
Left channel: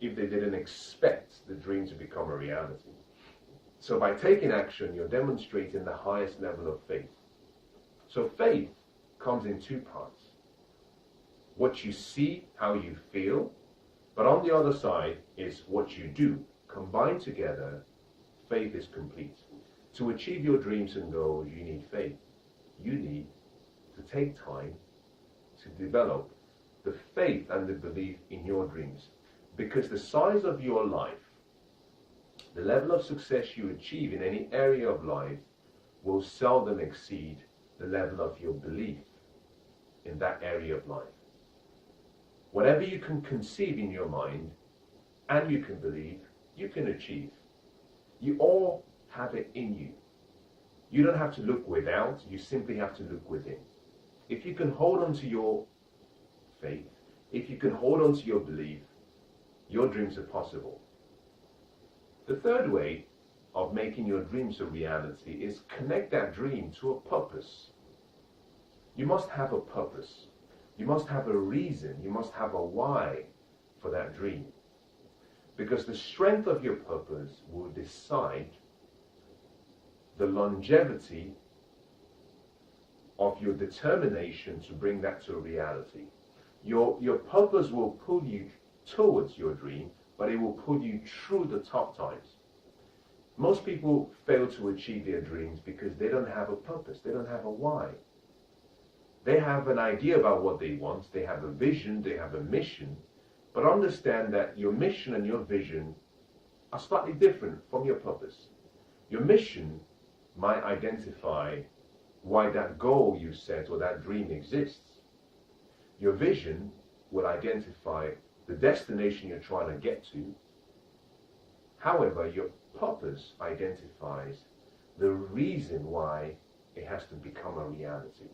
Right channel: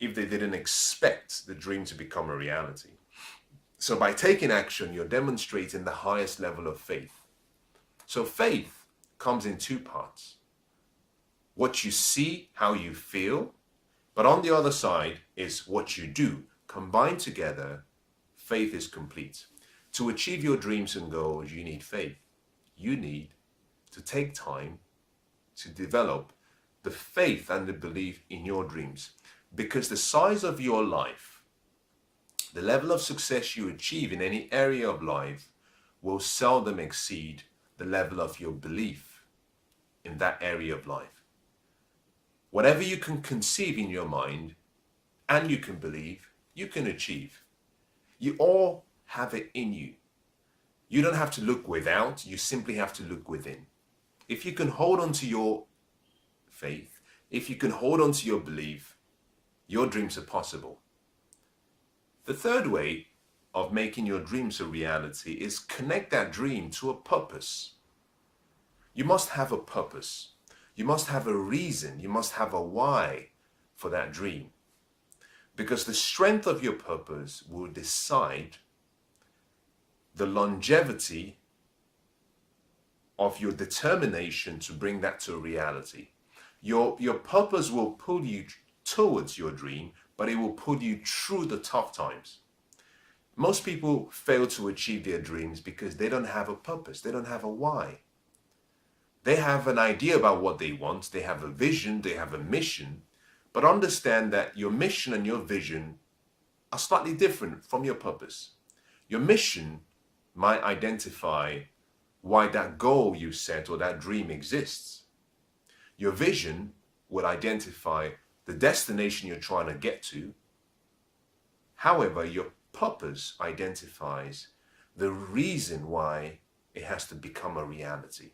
if they didn't expect the dream to become a reality. So by taking action, you're demonstrating the highest level of faith. So faith comes in two parts. What you see, how you feel, but on the other side is what you do. Combined together, faith is complete. To achieve your dreams and goals, you need faith. You need to take time to develop the faith and the belief in your dreams, because the size of your life, the level of success you achieve in any area of life, will seldom exceed the level of your belief in that area of life. Whatever you can conceive in your mind and you can believe, you can achieve. You all have it in you. You don't have to look without, you simply have to look within. If you can hold on to your faith, if you can hold on to your belief, your dreams are possible. The third way of making your dreams a reality is connect that dream to a purpose. You must have a purpose. You must have a reason. You must have a why for that dream. Because the strength of your purpose will decide the longevity of your determination to bring that to reality. Your purpose will pull you towards your dream, but it will pull you through the tough times. Most people fail to achieve their dreams because they don't have a purpose, they don't have a why. They have an idea about what they want, they have a vision, they have a mission, but understand that your mission and your vision are slightly different from your purpose. Your mission might identify why that goal you set or that dream exists. Your vision will identify the destination you're trying to get to. However, your purpose identifies the reason why it has to become a reality.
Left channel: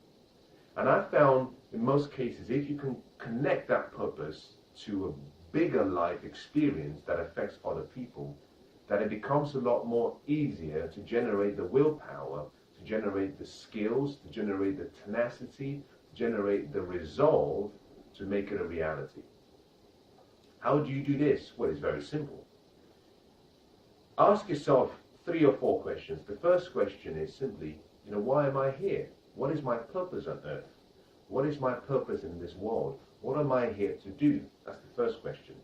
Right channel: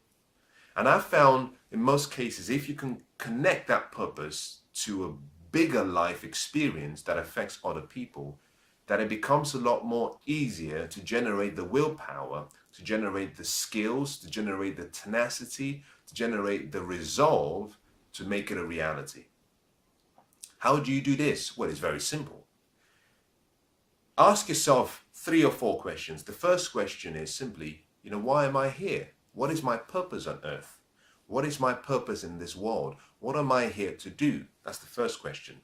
And I've found in most cases, if you can connect that purpose to a bigger life experience that affects other people, that it becomes a lot more easier to generate the willpower, to generate the skills, to generate the tenacity, to generate the resolve to make it a reality. How do you do this? Well, it's very simple. Ask yourself 3 or 4 questions. The first question is simply, why am I here? What is my purpose on earth? What is my purpose in this world? What am I here to do? That's the first question.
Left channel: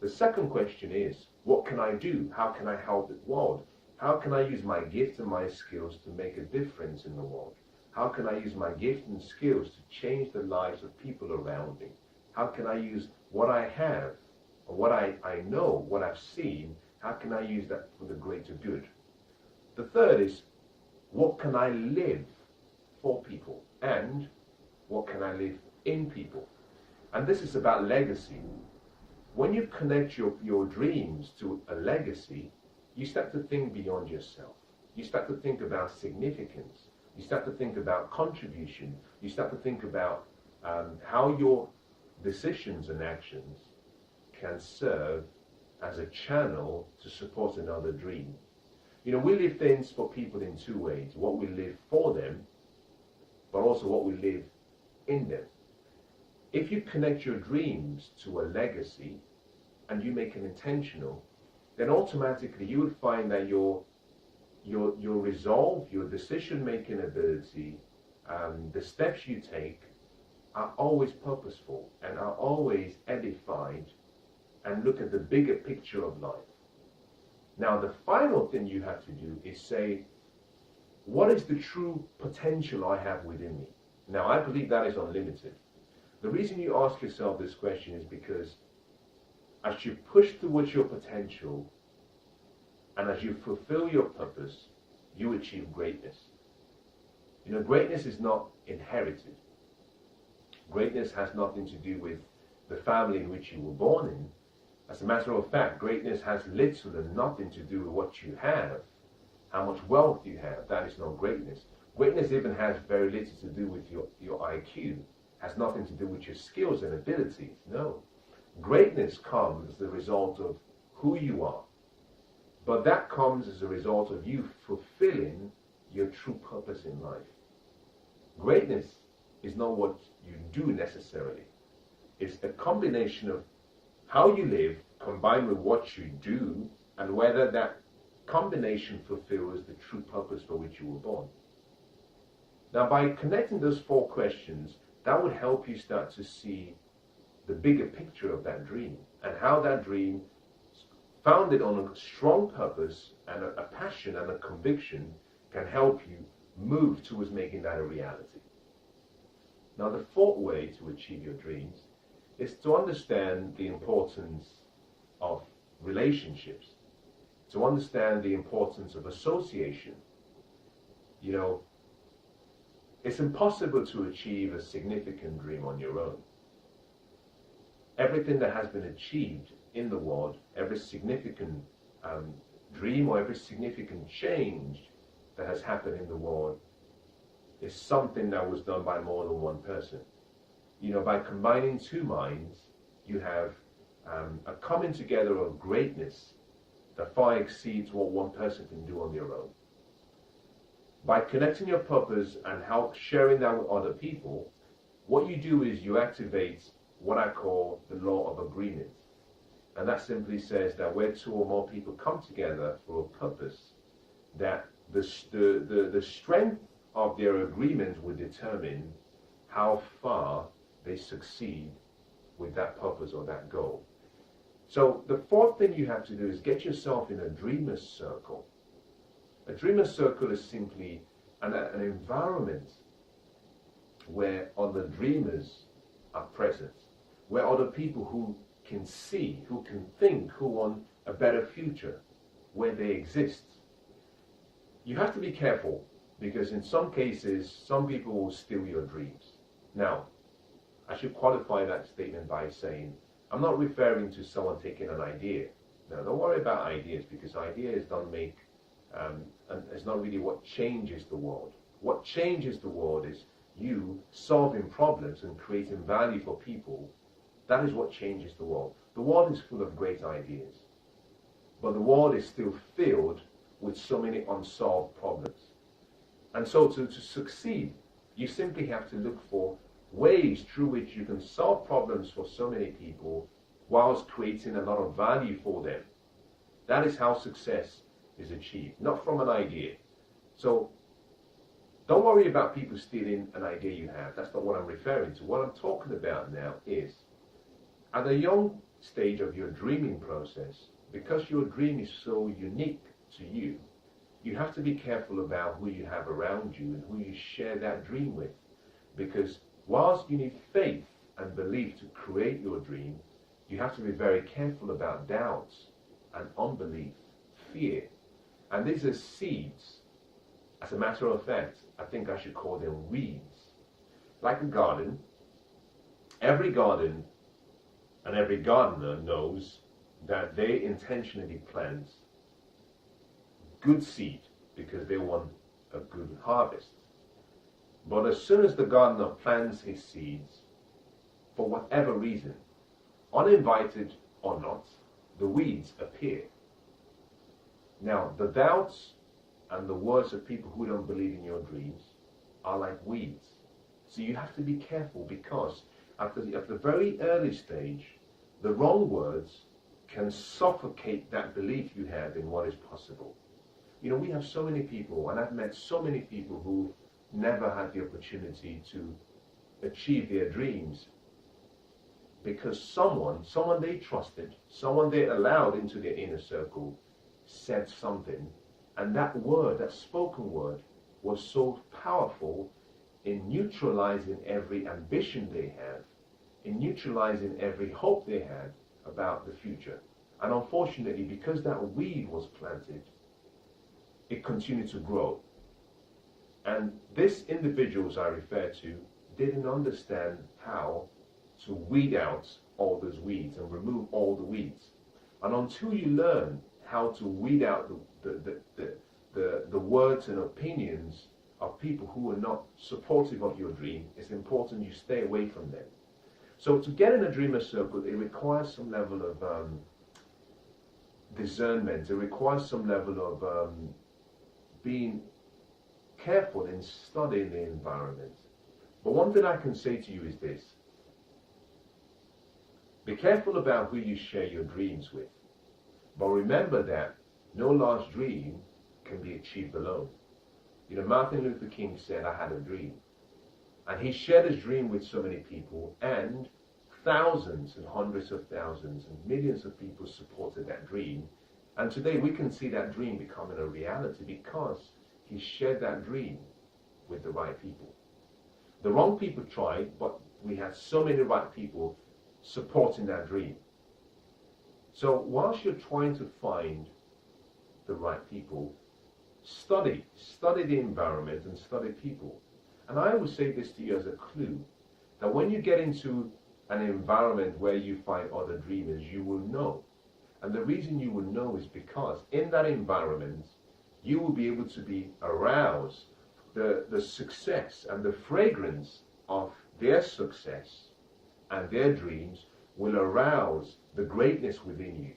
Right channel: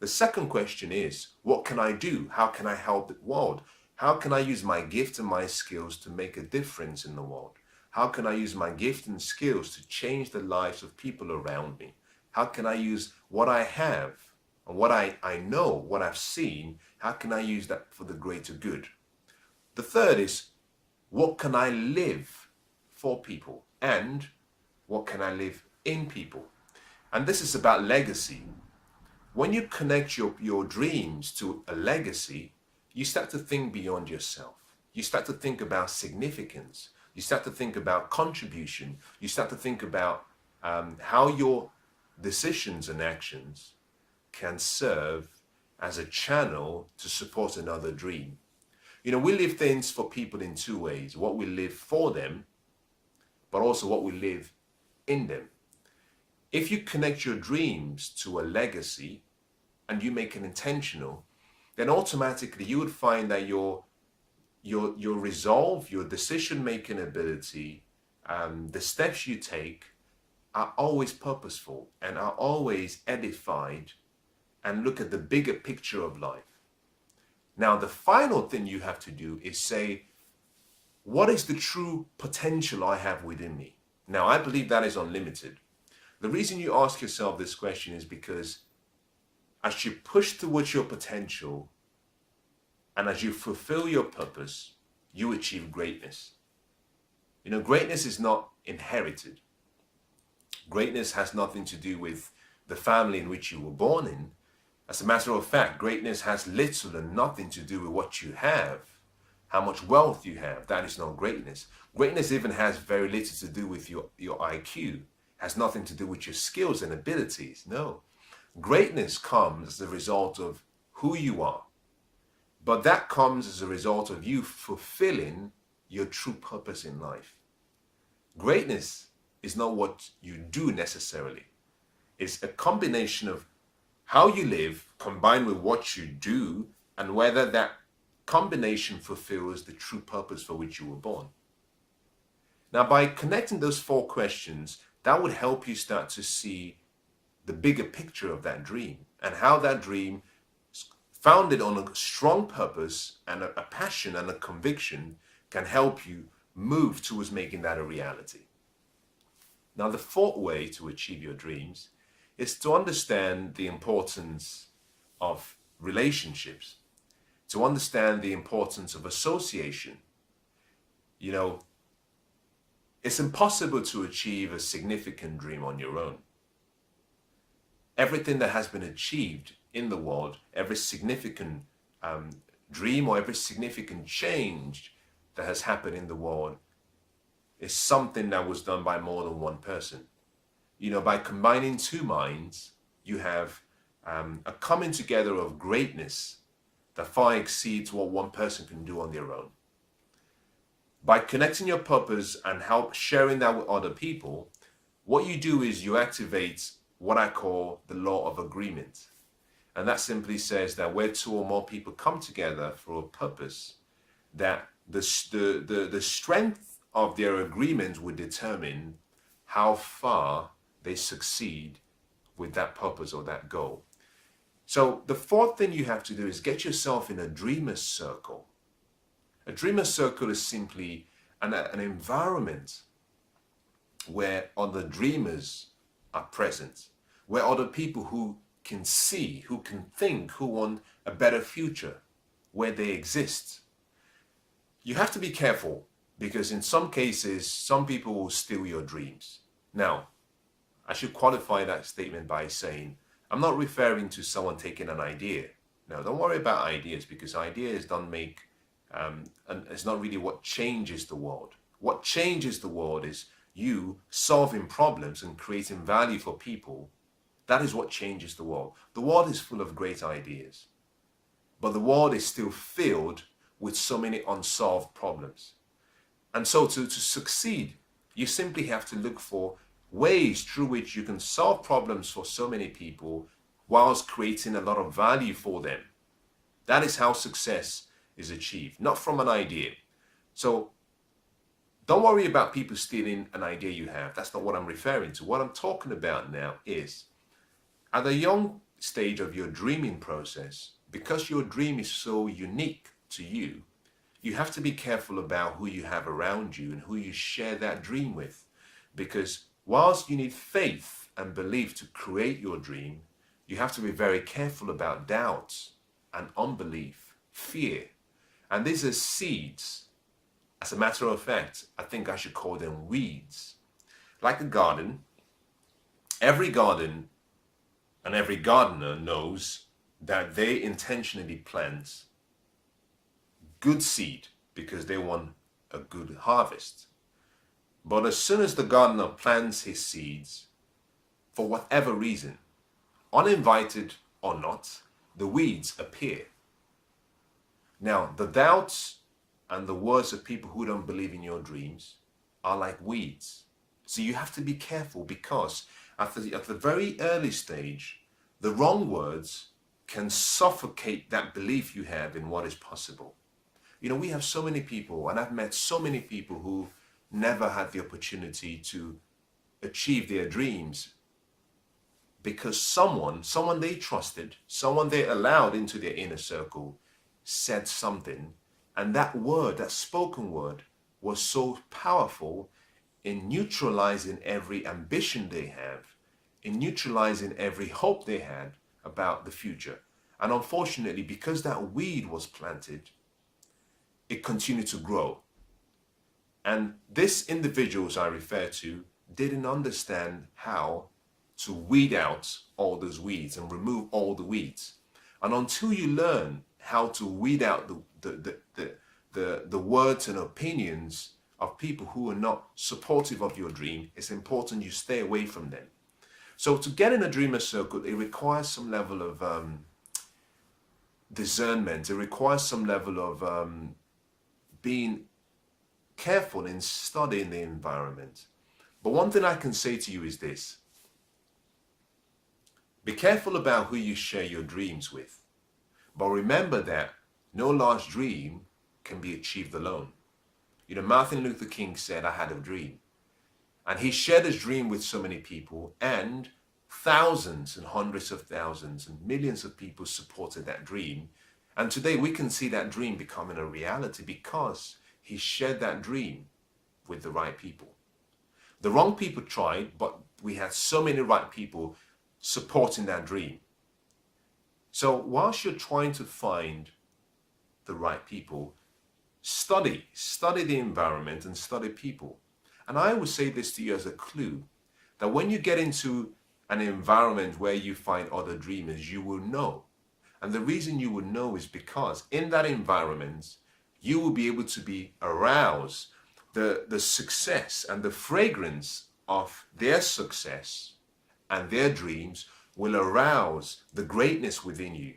The second question is, what can I do? How can I help the world? How can I use my gift and my skills to make a difference in the world? How can I use my gift and skills to change the lives of people around me? How can I use what I have and what I know, what I've seen, how can I use that for the greater good? The third is, what can I live for people? And what can I live in people? And this is about legacy. When you connect your dreams to a legacy, you start to think beyond yourself. You start to think about significance. You start to think about contribution. You start to think about how your decisions and actions can serve as a channel to support another dream. We live things for people in 2 ways. What we live for them, but also what we live in them. If you connect your dreams to a legacy and you make it intentional, then automatically you would find that your resolve, your decision-making ability, the steps you take are always purposeful and are always edified and look at the bigger picture of life. Now, the final thing you have to do is say, what is the true potential I have within me? Now, I believe that is unlimited. The reason you ask yourself this question is because as you push towards your potential and as you fulfill your purpose, you achieve greatness. Greatness is not inherited. Greatness has nothing to do with the family in which you were born in. As a matter of fact, greatness has little and nothing to do with what you have, how much wealth you have. That is not greatness. Greatness even has very little to do with your IQ, has nothing to do with your skills and abilities. No. Greatness comes as a result of who you are. But that comes as a result of you fulfilling your true purpose in life. Greatness is not what you do necessarily. It's a combination of how you live combined with what you do and whether that combination fulfills the true purpose for which you were born. Now, by connecting those 4 questions, that would help you start to see the bigger picture of that dream and how that dream, founded on a strong purpose and a passion and a conviction, can help you move towards making that a reality. Now, the 4th way to achieve your dreams is to understand the importance of relationships, to understand the importance of association. It's impossible to achieve a significant dream on your own. Everything that has been achieved in the world, every significant dream or every significant change that has happened in the world is something that was done by more than one person. By combining 2 minds, you have a coming together of greatness that far exceeds what one person can do on their own. By connecting your purpose and sharing that with other people, what you do is you activate what I call the law of agreement. And that simply says that where 2 or more people come together for a purpose, that the strength of their agreement will determine how far they succeed with that purpose or that goal. So the 4th thing you have to do is get yourself in a dreamer's circle. A dreamer circle is simply an environment where other dreamers are present, where other people who can see, who can think, who want a better future, where they exist. You have to be careful because in some cases, some people will steal your dreams. Now, I should qualify that statement by saying, I'm not referring to someone taking an idea. No, don't worry about ideas because ideas don't make, and it's not really what changes the world. What changes the world is you solving problems and creating value for people. That is what changes the world. The world is full of great ideas, but the world is still filled with so many unsolved problems. And so to succeed, you simply have to look for ways through which you can solve problems for so many people whilst creating a lot of value for them. That is how success is achieved, not from an idea. So don't worry about people stealing an idea you have. That's not what I'm referring to. What I'm talking about now is at a young stage of your dreaming process, because your dream is so unique to you, you have to be careful about who you have around you and who you share that dream with. Because whilst you need faith and belief to create your dream, you have to be very careful about doubts and unbelief, fear. And these are seeds. As a matter of fact, I think I should call them weeds. Like a garden, every garden and every gardener knows that they intentionally plant good seed because they want a good harvest. But as soon as the gardener plants his seeds, for whatever reason, uninvited or not, the weeds appear. Now, the doubts and the words of people who don't believe in your dreams are like weeds. So you have to be careful because at the very early stage, the wrong words can suffocate that belief you have in what is possible. You know, we have so many people, and I've met so many people who never had the opportunity to achieve their dreams because someone they trusted, someone they allowed into their inner circle said something, and that word, that spoken word, was so powerful in neutralizing every ambition they have, in neutralizing every hope they had about the future. And unfortunately, because that weed was planted, it continued to grow. And these individuals I refer to didn't understand how to weed out all those weeds and remove all the weeds. And until you learn how to weed out the words and opinions of people who are not supportive of your dream, it's important you stay away from them. So to get in a dreamer circle, it requires some level of discernment. It requires some level of being careful in studying the environment. But one thing I can say to you is this: be careful about who you share your dreams with. But remember that no large dream can be achieved alone. You know, Martin Luther King said, I had a dream. And he shared his dream with so many people, and thousands and hundreds of thousands and millions of people supported that dream. And today we can see that dream becoming a reality because he shared that dream with the right people. The wrong people tried, but we had so many right people supporting that dream. So whilst you're trying to find the right people, study the environment and study people. And I would say this to you as a clue, that when you get into an environment where you find other dreamers, you will know. And the reason you will know is because in that environment, you will be able to be aroused. The success and the fragrance of their success and their dreams will arouse the greatness within you.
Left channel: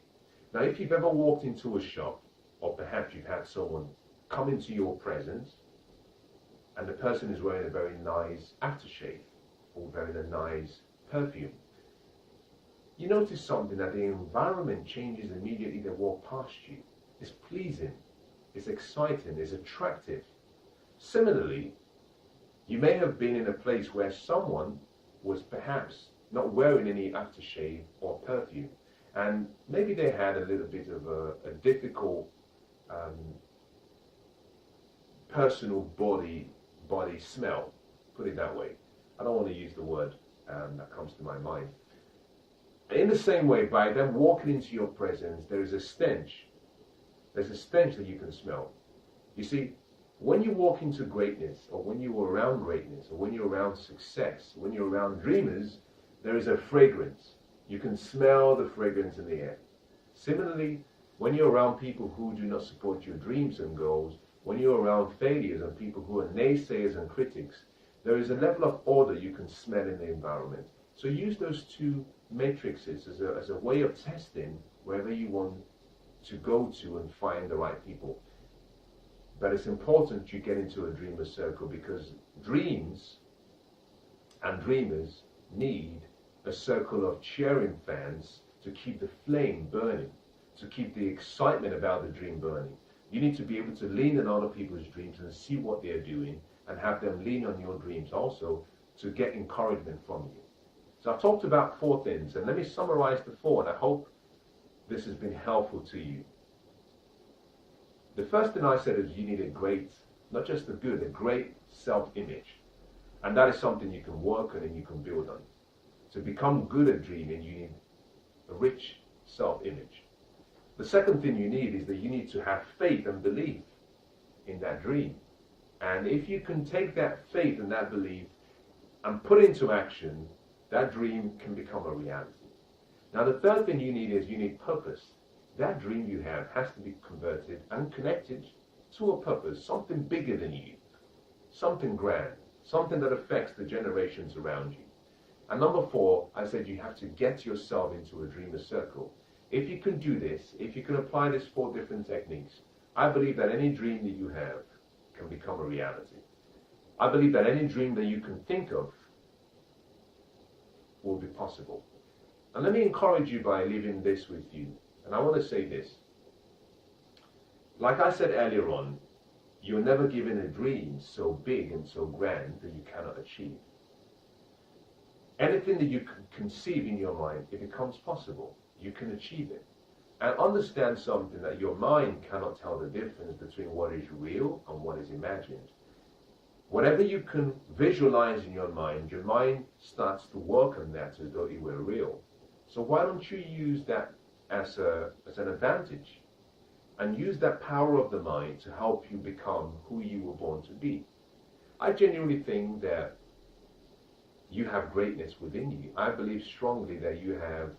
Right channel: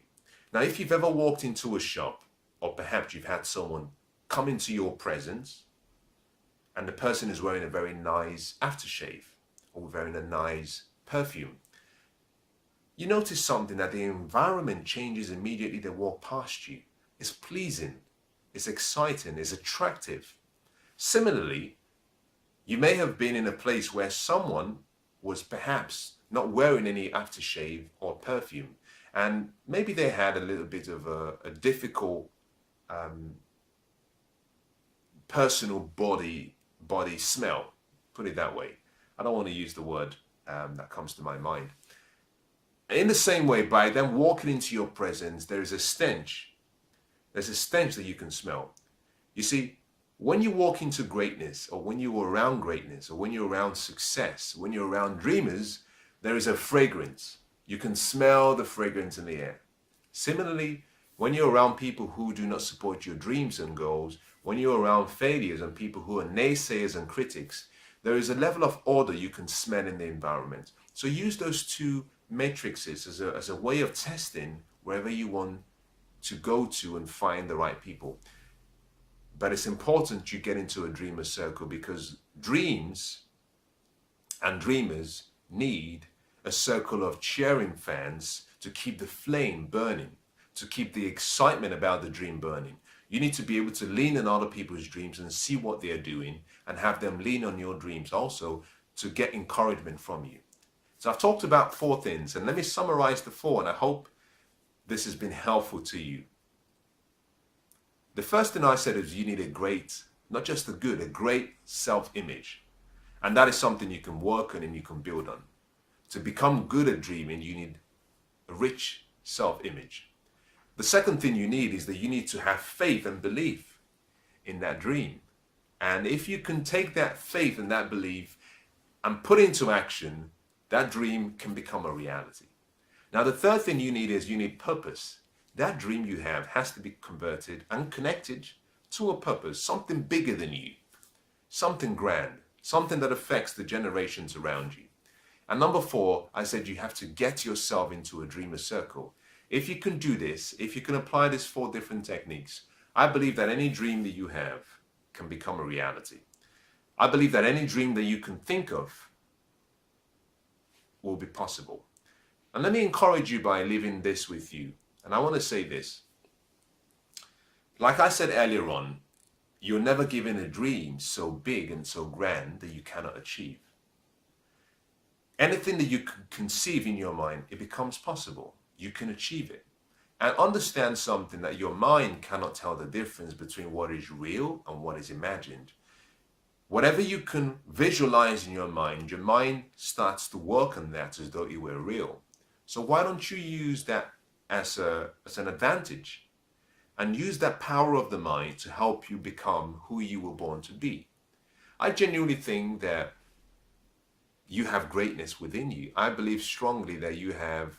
Now, if you've ever walked into a shop, or perhaps you've had someone come into your presence and the person is wearing a very nice aftershave or wearing a nice perfume, you notice something, that the environment changes immediately they walk past you. It's pleasing, it's exciting, it's attractive. Similarly, you may have been in a place where someone was perhaps not wearing any aftershave or perfume, and maybe they had a little bit of a difficult personal body smell, put it that way. I don't want to use the word that comes to my mind. In the same way, by them walking into your presence, there is a stench. There's a stench that you can smell. You see, when you walk into greatness, or when you're around greatness, or when you're around success, when you're around dreamers, there is a fragrance. You can smell the fragrance in the air. Similarly, when you're around people who do not support your dreams and goals, when you're around failures and people who are naysayers and critics, there is a level of order you can smell in the environment. So use those two matrices as a way of testing wherever you want to go to and find the right people. But it's important you get into a dreamer circle, because dreams and dreamers need a circle of cheering fans to keep the flame burning, to keep the excitement about the dream burning. You need to be able to lean on other people's dreams and see what they're doing, and have them lean on your dreams also to get encouragement from you. So I've talked about 4 things, and let me summarize the 4, and I hope this has been helpful to you. The first thing I said is you need a great, not just a good, a great self-image. And that is something you can work on and you can build on. To become good at dreaming, you need a rich self-image. The second thing you need is that you need to have faith and belief in that dream. And if you can take that faith and that belief and put it into action, that dream can become a reality. Now, the third thing you need is you need purpose. That dream you have has to be converted and connected to a purpose, something bigger than you, something grand, something that affects the generations around you. And number 4, I said you have to get yourself into a dreamer circle. If you can do this, if you can apply these 4 different techniques, I believe that any dream that you have can become a reality. I believe that any dream that you can think of will be possible. And let me encourage you by leaving this with you. And I want to say this. Like I said earlier on, you're never given a dream so big and so grand that you cannot achieve. Anything that you can conceive in your mind, it becomes possible. You can achieve it. And understand something, that your mind cannot tell the difference between what is real and what is imagined. Whatever you can visualize in your mind starts to work on that as though it were real. So why don't you use that as an advantage, and use that power of the mind to help you become who you were born to be? I genuinely think that you have greatness within you. I believe strongly that you have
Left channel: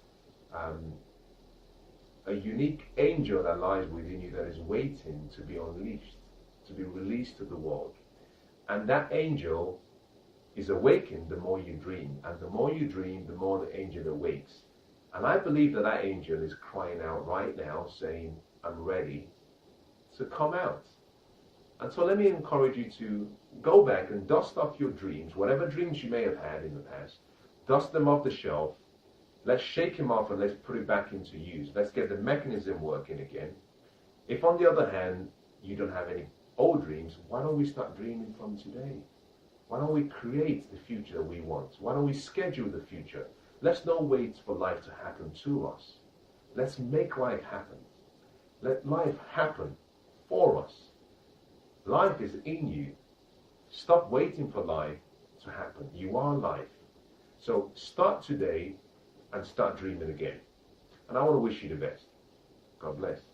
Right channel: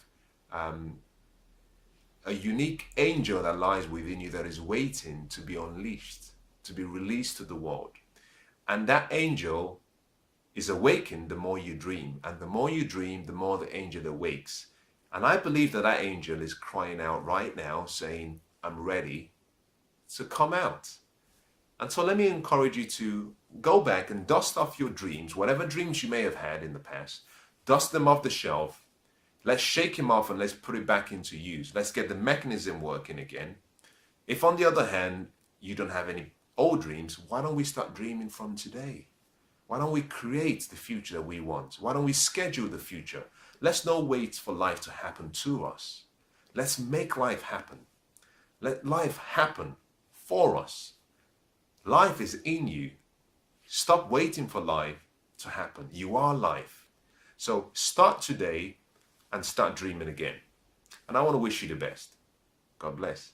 a unique angel that lies within you that is waiting to be unleashed, to be released to the world. And that angel is awakened the more you dream. And the more you dream, the more the angel awakes. And I believe that that angel is crying out right now saying, I'm ready to come out. And so let me encourage you to go back and dust off your dreams, whatever dreams you may have had in the past. Dust them off the shelf. Let's shake them off and let's put it back into use. Let's get the mechanism working again. If on the other hand, you don't have any old dreams, why don't we start dreaming from today? Why don't we create the future we want? Why don't we schedule the future? Let's not wait for life to happen to us. Let's make life happen. Let life happen for us. Life is in you. Stop waiting for life to happen. You are life. So start today and start dreaming again. And I want to wish you the best. God bless.